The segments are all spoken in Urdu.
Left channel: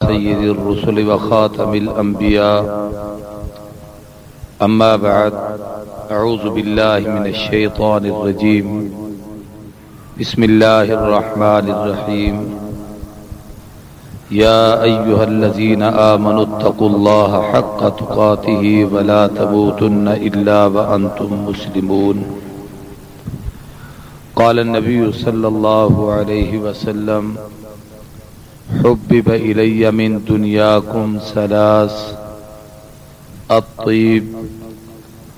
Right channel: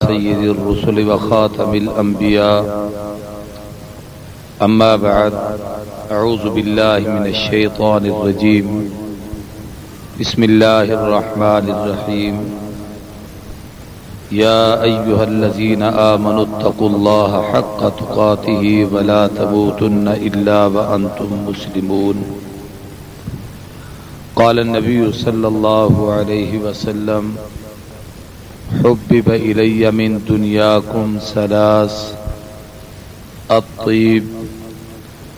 سيد الرسل وخاتم الأنبياء أما بعد أعوذ بالله من الشيطان الرجيم بسم الله الرحمن الرحيم يا أيها الذين آمنوا اتقوا الله حق تقاته ولا تموتن إلا وأنتم مسلمون قال النبي صلى الله عليه وسلم حبب إلي من دنياكم ثلاث الطيب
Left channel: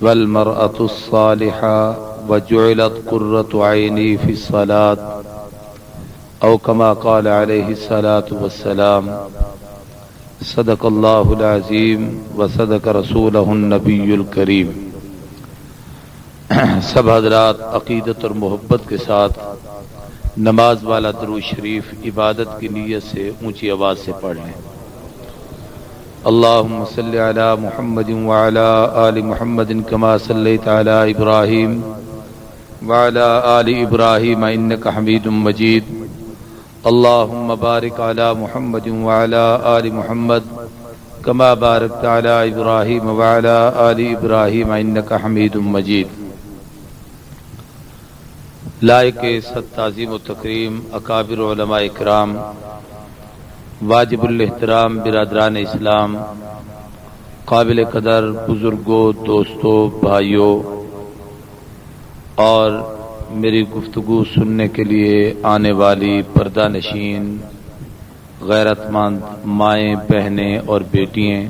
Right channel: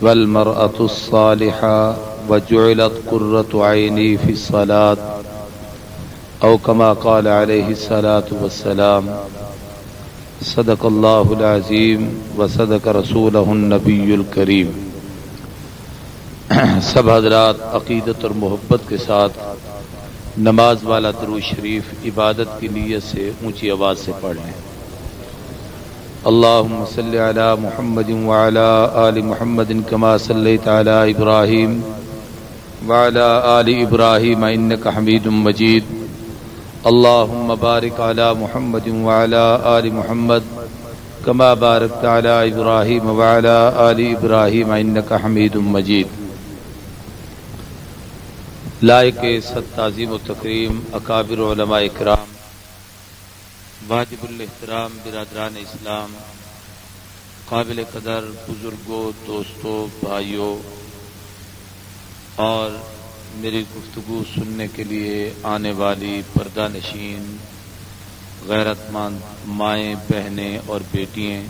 والمرأة الصالحة وجعلت قرة عيني في الصلاة أو كما قال عليه الصلاة والسلام صدق الله العظيم وصدق رسوله النبي الكريم۔ سب حضرات عقیدت اور محبت کے ساتھ نماز والا درود شریف عبادت کی نیت سے اونچی آواز سے پڑھ لیں۔ اللہم صلی علی محمد وعلی آل محمد کما صلیت علی ابراہیم وعلی آل ابراہیم انک حمید مجید۔ اللہم بارک علی محمد وعلی آل محمد کما بارکت علی ابراہیم وعلی آل ابراہیم انک حمید مجید۔ لائق صد تعظیم و تکریم اکابر علماء اکرام، واجب الاحترام برادران اسلام، قابل قدر بزرگوں، دوستوں، بھائیوں اور میری گفتگو سننے کے لیے آنے والی پردہ نشین غیرت مند مائیں، بہنیں اور بیٹیاں،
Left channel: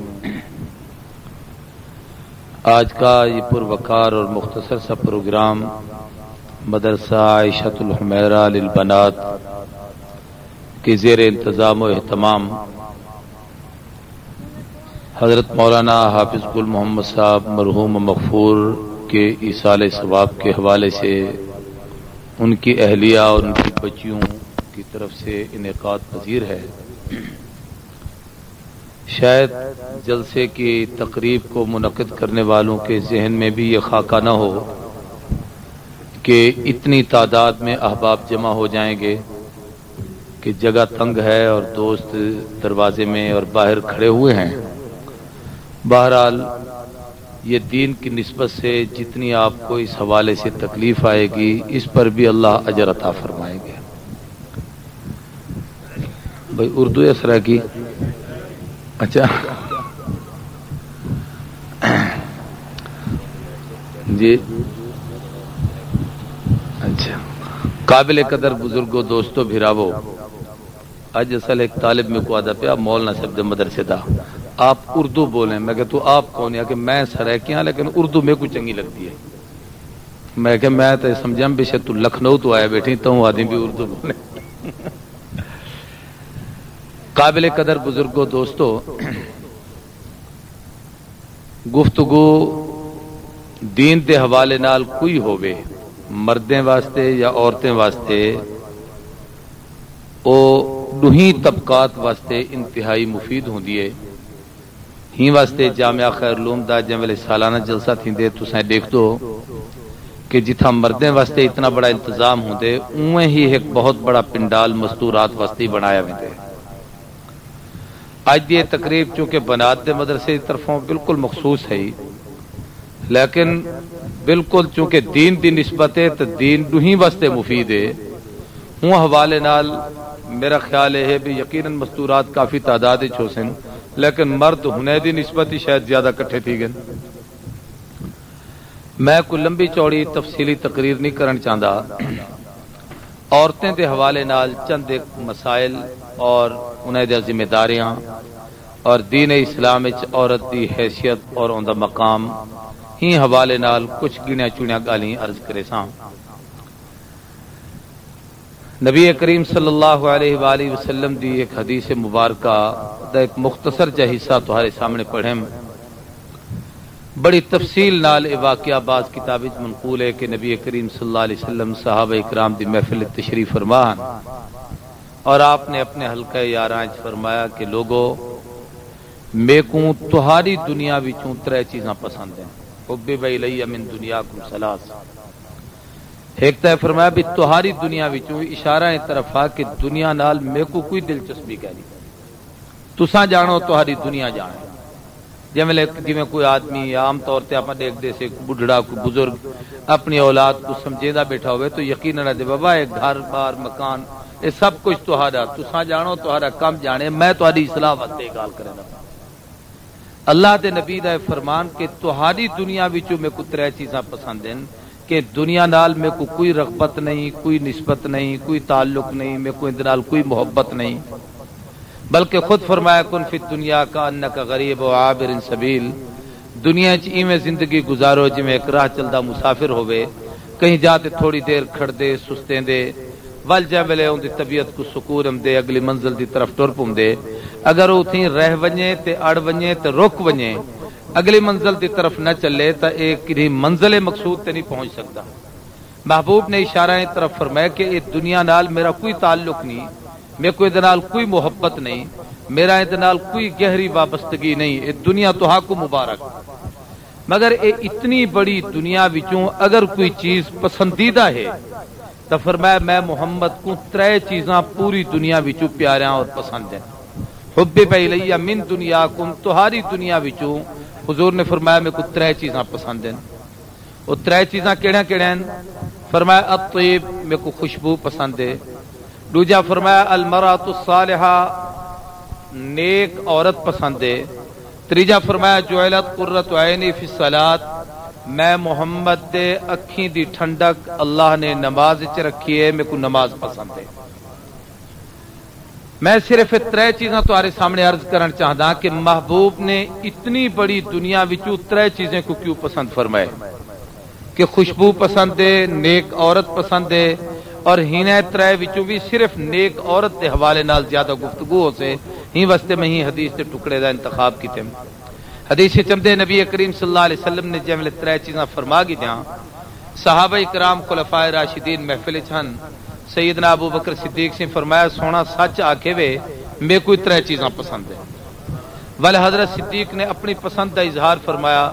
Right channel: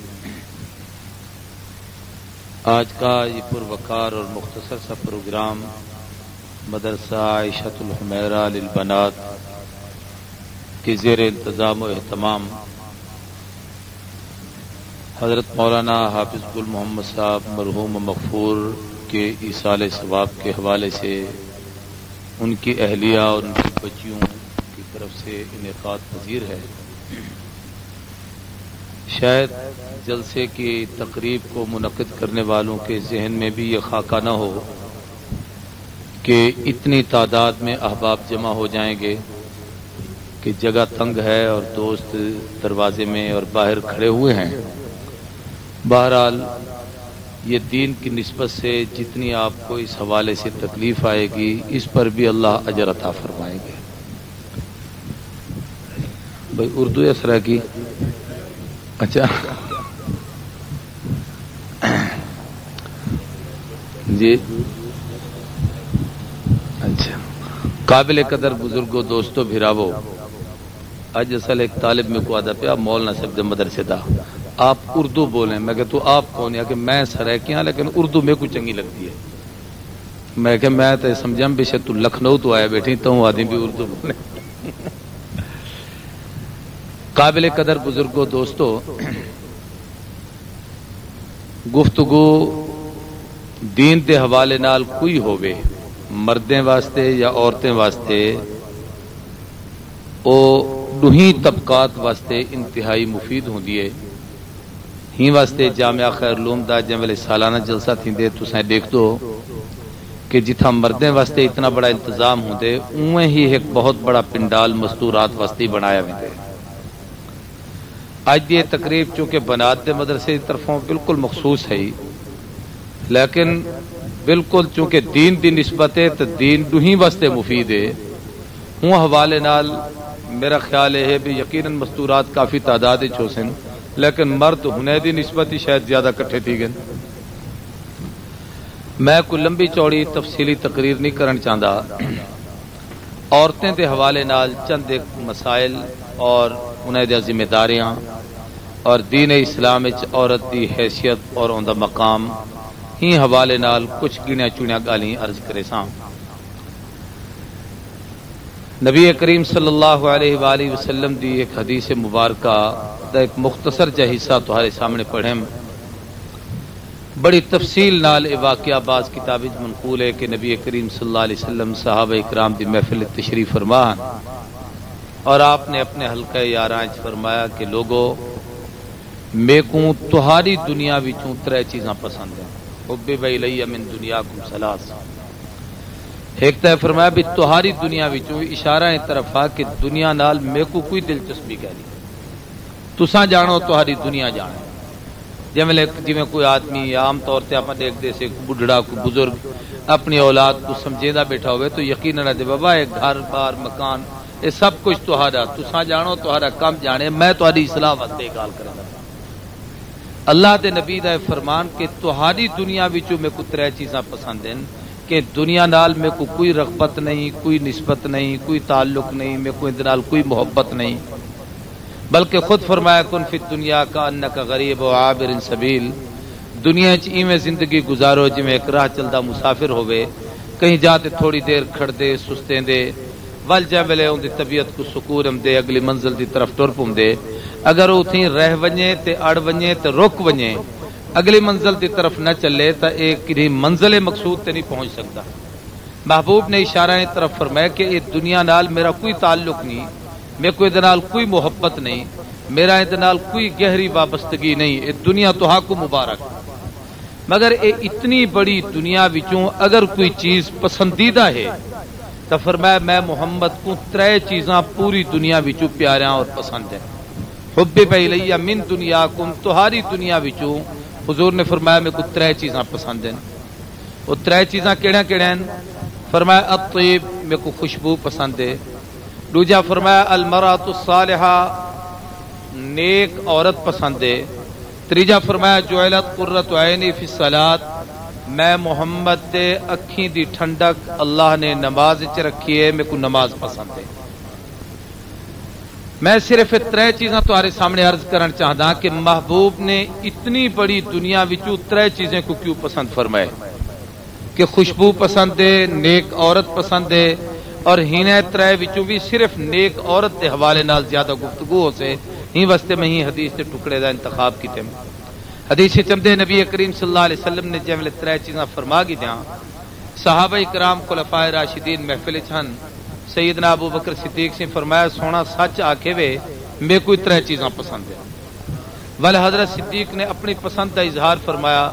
آج کا یہ پروقار اور مختصر سا پروگرام مدرسہ عائشۃ الحمیرہ للبنات کے زیر انتظام و اہتمام حضرت مولانا حافظ گل محمد صاحب مرحوم مغفور کے ایصال ثواب کے حوالے سے ان کی اہلیہ اور ان کی بچیوں کی طرف سے انعقاد پذیر ہے۔ شاید جلسے کی تقریب کو منعقد کرنے والوں کے ذہن میں بھی یہ خاکہ نہ ہو کہ اتنی تعداد میں احباب جمع ہو جائیں گے کہ جگہ تنگ ہے اور دوست دروازے میں اور باہر کھڑے ہوئے ہیں۔ بہرحال یہ دین کی نسبت سے جتنی آپ کو اس حوالے سے تکلیف آئے گی اس پر بھی اللہ اجر عطا فرمائے گا۔ بھائی اردو اس طرح کی اچھا جی اچھا قابل قدر بزرگوں، دوستوں، بھراوو، اج اصل ایک طالب میں کو آدھا پیا مولانا صاحب دے مدرسے دا آپ اردو بولیں، میں کہ تو آپ کون ہے کہ میں سرائکیاں لیکن اردو میں کو چنگی لگتی ہے۔ میں کہ میں تو سمجھا بے شک تو لکھنؤ تو آیا بیٹھی تو آدمی بھی اردو بولے۔ قابل قدر بزرگوں، دوستوں، گفتگو دین دے حوالے نال کوئی ہووے، مردیں واسطے یا عورتیں واسطے، او دوہیں طبقات واسطے انتہائی مفید ہوندی ہے۔ ہی واسطے جامعہ خیر العلوم دا جملے سالانہ جلسہ تھیندے تساں دیکھ دو کہ جتھا مردیں واسطے اتنا بڑا انتظام ہوندے اویں ہی ایک بہت بڑا پنڈال مستورات واسطے بنایا ویندے۔ آج یہ تقریب چونکہ بنات دے مدرسے کی طرفوں بالکل مخصوص ہے، لیکن بالکل چونکہ دین دی نسبت ہے تو دین دوہیں واسطے مفید ہے۔ ہوں حوالے نال میرا خیال ہے بھی یقیناً مستورات کافی تعداد چھوسن، لیکن مرد ہنے دی نسبت ہی شاید زیادہ کٹھے تھی گئے۔ میں کوئی لمبی چوڑی تفصیلی تقریر نہیں کرن چاہتا، عورتیں دے حوالے نال چند ایک مسائل اور انہیں دے ذمہ داریاں اور دین اسلام وچ عورت دی حیثیت اور ان دا مقام ہی حوالے نال کچھ گنیا چنیا گالیاں عرض کرے ساں۔ نبی کریم صلی اللہ علیہ وآلہ وسلم دی ایک حدیث مبارکہ دا ایک مختصر جا حصہ تمہارے سامنے پڑھیں، بڑی تفصیل نال واقعہ بعض کتاب وچ منقول ہے کہ نبی کریم صلی اللہ علیہ وسلم صحابہ اکرام دی محفل تشریف فرمان اور آپ نے اپنے حلقہ یاراں وچ فرمایا کہ لوگو میں کو تہاری دنیا وچوں ترے چیزاں پسند ہیں۔ حبب الی من دنیاکم ثلاث، ایک تے فرمایا بھی تہاری دنیا وچوں اشارہ طرف آ کہ دنیا نال میں کو کوئی دلچسپی نہیں، تساں جانو تہاڈی دنیا جانے جی کوئی آدمی عام طور سے آپ دیکھتے سے بڑھڑا کوئی بزرگ اپنی اولاد کو سمجھیدا بیٹھا ہوئے تو یقیناً دے بابا یہ گھر بار مکان یہ سب کچھ تہاڈا تساں جانو تہاڈا کم جانے میں تہاڈی اصلاح واسطے گل کراں گا اللہ دے نبی دا فرمان کہ تہاڈی دنیا وچوں میں کو ترے چیزاں پسند ہیں کہ دنیا نال میں کو کوئی رغبت نہیں کوئی نسبت نہیں کوئی تعلق نہیں میں کوئی دے نال کوئی محبت نہیں بلکہ خود فرمایا کن فی دنیا کا انک غریب و عابر سبیل دنیا چ ایویں زندگی گزارو جویں ایک راہ چلدا مسافر ہوئے کہیں جاتے تھوڑی دیر کھڑ دے سستیں دے ول جا ویلے اون دی طبیعت کو سکون دے اگلی منزل دی طرف ٹر پوندے اگر اوتھیں رہ ونجے تے اڑ ونجے تے رک ونجے اگلی منزل دی طرف نہ چلے تا ایک کدی منزل مقصود تے نہیں پہنچ سکتا محبوب نے اشارہ طرف فرمایا کہ یہ دنیا نال میرا کوئی تعلق نہیں میں کوئی دنال کوئی محبت نہیں میرا دنال کوئی گہری وابستگی نہیں یہ دنیا تو ہاں کو مبارک مگر یہ اتنی بڑی دنیا وچوں اگر کوئی چیز پسندیدہ ہے تو فرمایا میں محمد کو ترے چیزاں پوری دنیا وچوں پیاریاں اور پسند ہیں حب الیہ من دنیاکم تہاری دنیا وچوں حضور نے فرمایا میں کو ترے چیزاں پسند ہیں وہ ترے چیزاں کیڑا کیڑا ہیں فرمایا الطیب میں کو خوشبو پسند ہے دوجا فرمایا المرأۃ الصالحہ نیک عورت پسند ہے تیجا فرمایا جعلت قرۃ عینی فی الصلاۃ میں محمد دے اکھیں دی ٹھنڈک اللہ نے نماز وچ رکھی ہے میں کو نماز پسند ہے میں صرف ترے چیزاں تمہارے سامنے عرض کرنا چاہتا کہ محبوب نے اتنی بڑی دنیا وچوں ترے چیزیں کو کیوں پسند فرمائے کہ خوشبو پسند ہے نیک عورت پسند ہے اور ہینے ترے وچوں بھی صرف نیک عورت کے حوالے نال زیادہ گفتگو ہو سے ہی واسطے میں ہی حدیث کے ٹکڑے دا انتخاب کیتے حدیث چمدے نبی کریم صلی اللہ علیہ وسلم نے جملے ترے چیزاں فرما کی دیاں صحابہ کرام خلفائے راشدین محفل چھن سیدنا ابو بکر صدیق سے فرمایا سونا سچ آکے وے میں کوئی ترے چیزاں پسند ہے ول حضرت صدیق نے اپنی پسند کا اظہار فرمایا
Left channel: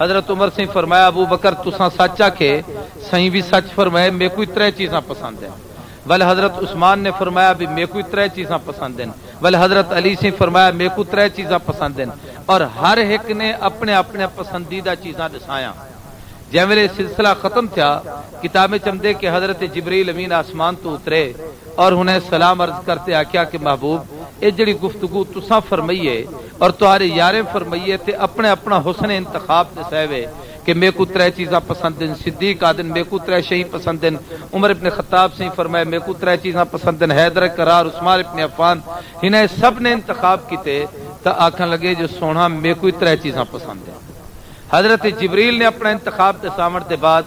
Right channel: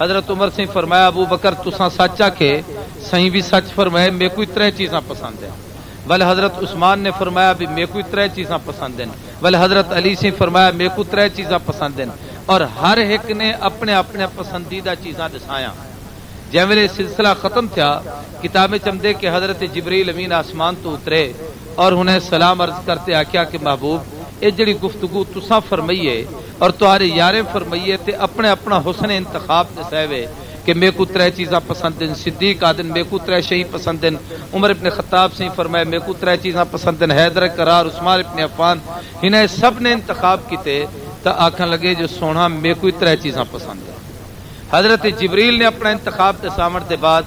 حضرت عمر سے فرمایا ابو بکر تساں سچ آکھے صحیح بھی سچ فرمائے میں کوئی ترے چیزاں پسند ہیں ول حضرت عثمان نے فرمایا بھی میں کوئی ترے چیزاں پسند ہیں ول حضرت علی سے فرمایا میں کو ترے چیزاں پسند ہیں اور ہر ایک نے اپنے اپنے پسندیدہ چیزاں دسایا جیویں سلسلہ ختم تھا کتاب چمدے کہ حضرت جبریل امین آسمان تو اترے اور انہیں سلام عرض کرتے آکھیا کہ محبوب یہ جڑی گفتگو تساں فرمائیے اور تمہارے یاریں فرمائیے تے اپنے اپنا حسن انتخاب دساوے کہ میں کو ترے چیزاں پسند ہیں صدیق آدن میں کو ترے شہی پسند ہیں عمر ابن خطاب سے فرمائے میں کو ترے چیزاں پسند ہیں حیدر کرار عثمان ابن عفان انہیں سب نے انتخاب کیتے تو آکھن لگے جو سونا میں کوئی ترے چیزاں پسند ہیں حضرت جبریل نے اپنا انتخاب کے سامر کے بعد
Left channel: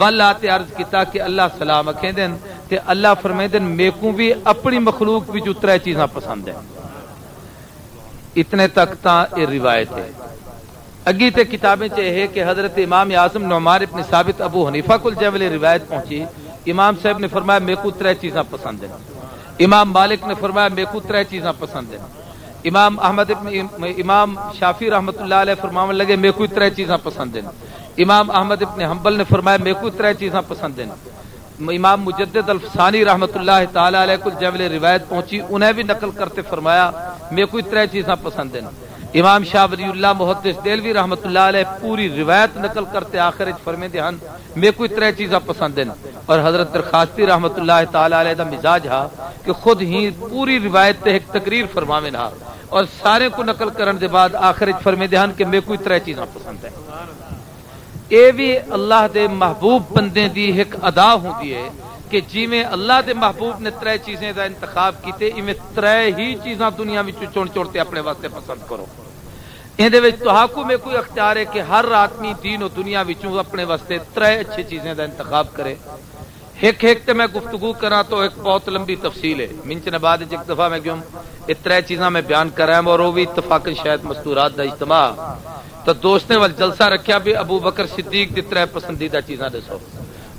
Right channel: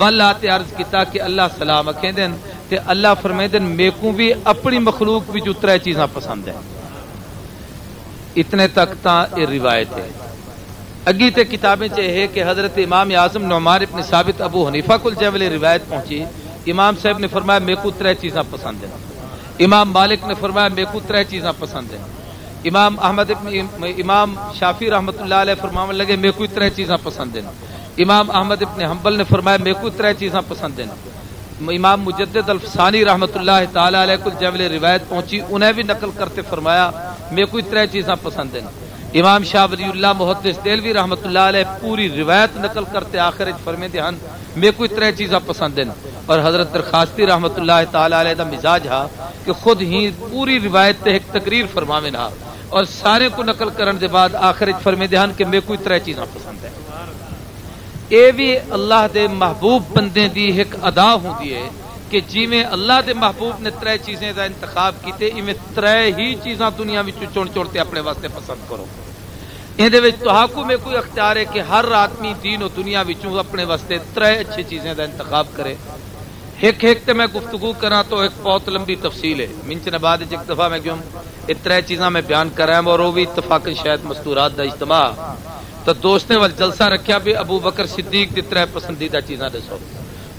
ولات عرض کیتا کہ اللہ سلام آکھیں دن تے اللہ فرمائیں دن میں کو بھی اپنی مخلوق بھی جو ترے چیزاں پسند ہیں اتنے تک تا یہ روایت ہے اگی تے کتابیں چاہے کہ حضرت امام اعظم نعمان ابن ثابت ابو حنیفہ کل جیوے روایت پہنچی امام صاحب نے فرمایا میں کو ترے چیزاں پسند ہیں امام مالک نے فرمایا میں کو ترے چیزاں پسند ہیں امام شافی رحمت اللہ علیہ فرمانے لگے میں کوئی ترے چیزاں پسند ہیں امام احمد ابن حنبل نے فرمایا میں کوئی ترے چیزاں پسند ہیں امام مجدد الفسانی رحمت اللہ تعالی علیہ کل جیوے روایت پہنچی انہیں بھی نقل کرتے فرمایا میں کوئی ترے چیزاں پسند ہیں امام شاہ ولی اللہ محدث دہلوی رحمت اللہ علیہ پوری روایت نقل کرتے آخر فرمیندے ہن میں کوئی ترے چیزاں پسند ہیں اور حضرت درخواستی رحمت اللہ تعالی علیہ دا مزاج ہا کہ خود ہی پوری روایت تے ایک تقریر فرماویں ہا اور سارے کو نقل کرن دے بعد آخر فرمیندے ہن کہ میں کوئی ترے چیزاں پسند ہے اے بھی اللہ دے محبوب بندے دی ایک ادا ہوندی ہے کہ جویں اللہ دے محبوب نے ترے چیزیں دا انتخاب کیتے ایویں ترے ہی چیزاں دنیا وچ چن چڑتے اپنے واسطے پسند کرو اندے وچ تہاکو میں کوئی اختیار ہے کہ ہر آدمی دین و دنیا وچوں اپنے واسطے ترے اچھی چیزیں دا انتخاب کرے ایک تے میں گفتگو کرا تو ایک بہت لمبی تفصیل ہے منچ نے بعد ایک دفعہ میں جم ترے چیزاں میں بیان کر رہا ہوں اور وہ بھی اتفاقاً شاید مستورات دا اجتماع تو دوست نے ول جلسہ رکھیا بھی ابو بکر صدیق دی ترے پسندیدہ چیزاں دسو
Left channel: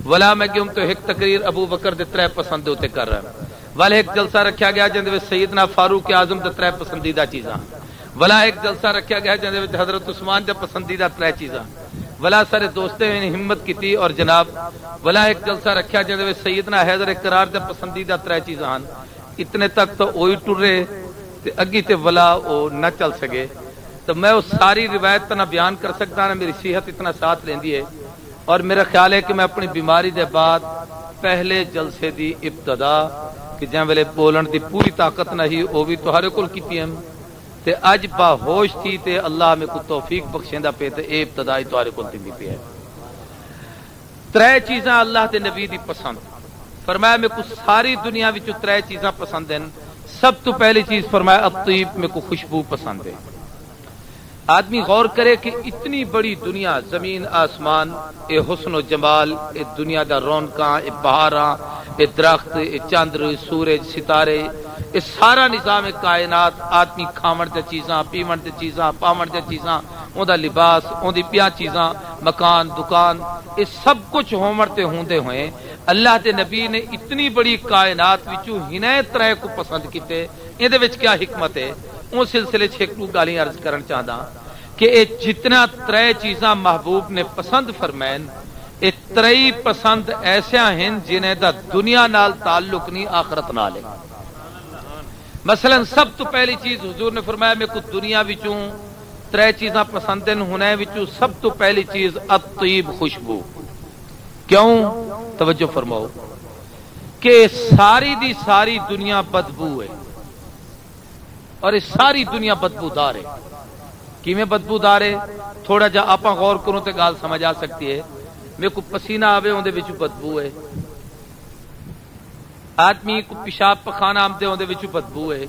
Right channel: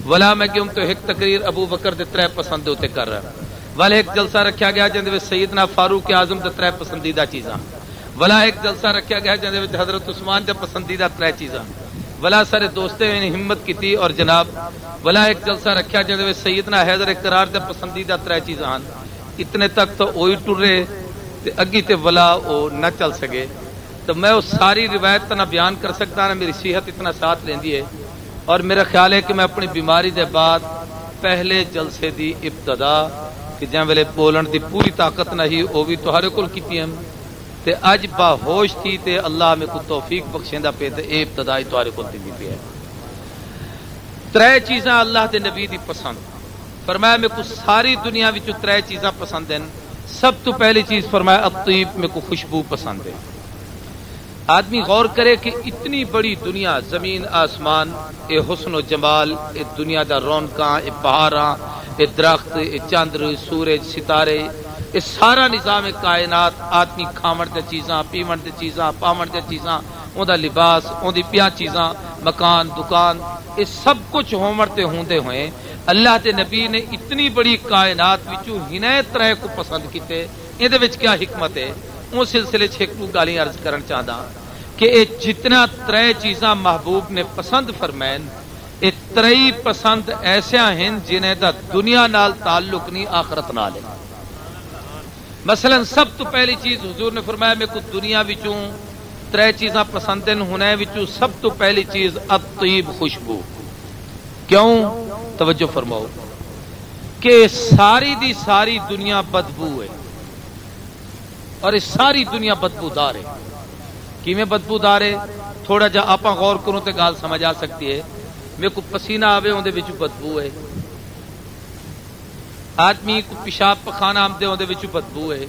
ولا میں کیوں تو ایک تقریر ابو بکر دے ترے پسند ہوتے کر رہا ولا ایک جلسہ رکھا گیا جن سیدنا فاروق اعظم دے ترے پسندیدہ چیزاں ولا ایک جلسہ رکھا گیا جن حضرت عثمان دے پسندیدہ ترے چیزاں ولا سارے دوستے نے ہمت کی تھی اور جناب ولا ایک جلسہ رکھا جن سیدنا حیدر کرار دے پسندیدہ ترے چیزاں اتنے تک تو وہی ٹرے تے اگی تے ولا او نہ چل سکے تو میں اس ساری روایت نہ بیان کر سکتا نہ میری صحت اتنا ساتھ لیندی ہے. اور میرا خیال ہے کہ میں اپنی بیماری دے بعد پہلے جلسے دی ابتدا کہ جن ویلے بولن دی پوری طاقت نہیں وہ بھی تہاڈے کول کیتی ہے تے اج باہوش تھی تے اللہ میں کو توفیق بخشیندا پے تے اے ابتدائی تہاڈے کول کیتی ہے. ترے چیزاں اللہ دے نبی دی پسند فرمایا میں کو ساری دنیا وچ ترے چیزاں پسند ہیں. سب تو پہلی چیز فرمایا الطیب میں کو خوشبو پسند ہے. آدمی غور کرے کہ اتنی بڑی دنیا زمین آسمان اے حسن و جمال اے دنیا دا رونقاں اے بہاراں اے درخت اے چاندر اے سورج ستارے اے سارا نظام کائنات آدمی کھاون دے چیزاں پیون دے چیزاں پاون دے چیزاں اون دا لباس اون دی پیاں چیزاں مکان دکان اے سب کچھ ہومر تے ہوندے ہوئے اللہ دے نبی نے اتنی بڑی کائنات وچوں ہنے طرح کو پسند کیتے ایں دے وچ کیا حکمت ہے. اس سلسلے چ ایک گالی عرض کرن چاہدا کہ جتنا ترے چیزاں محبوب نے پسند فرمائن ایک ترئی پسند ایسا ہیں جنہیں دا دنیا نال تعلق نہیں آخرت نال ہے. مثلا سب تو پہلی چیز حضور نے فرمایا میں کو دنیا وچوں ترے چیزاں پسند ہیں ہونے وچوں سب تو پہلی چیز الطیب خوشبو. کیوں؟ توجہ فرماؤ کہ ساری دی ساری دنیا بدبو ہے اور اس ساری دنیا بدبودار ہے. کیویں بدبودار ہے تھوڑا جا آپ غور کروں تو گال سمجھ آ سکتی ہے. میرے کو پسینہ آوے اندر وچ بدبو ہے. آدمی کو پیشاب پخانہ آمدے اندر وچ بدبو ہے.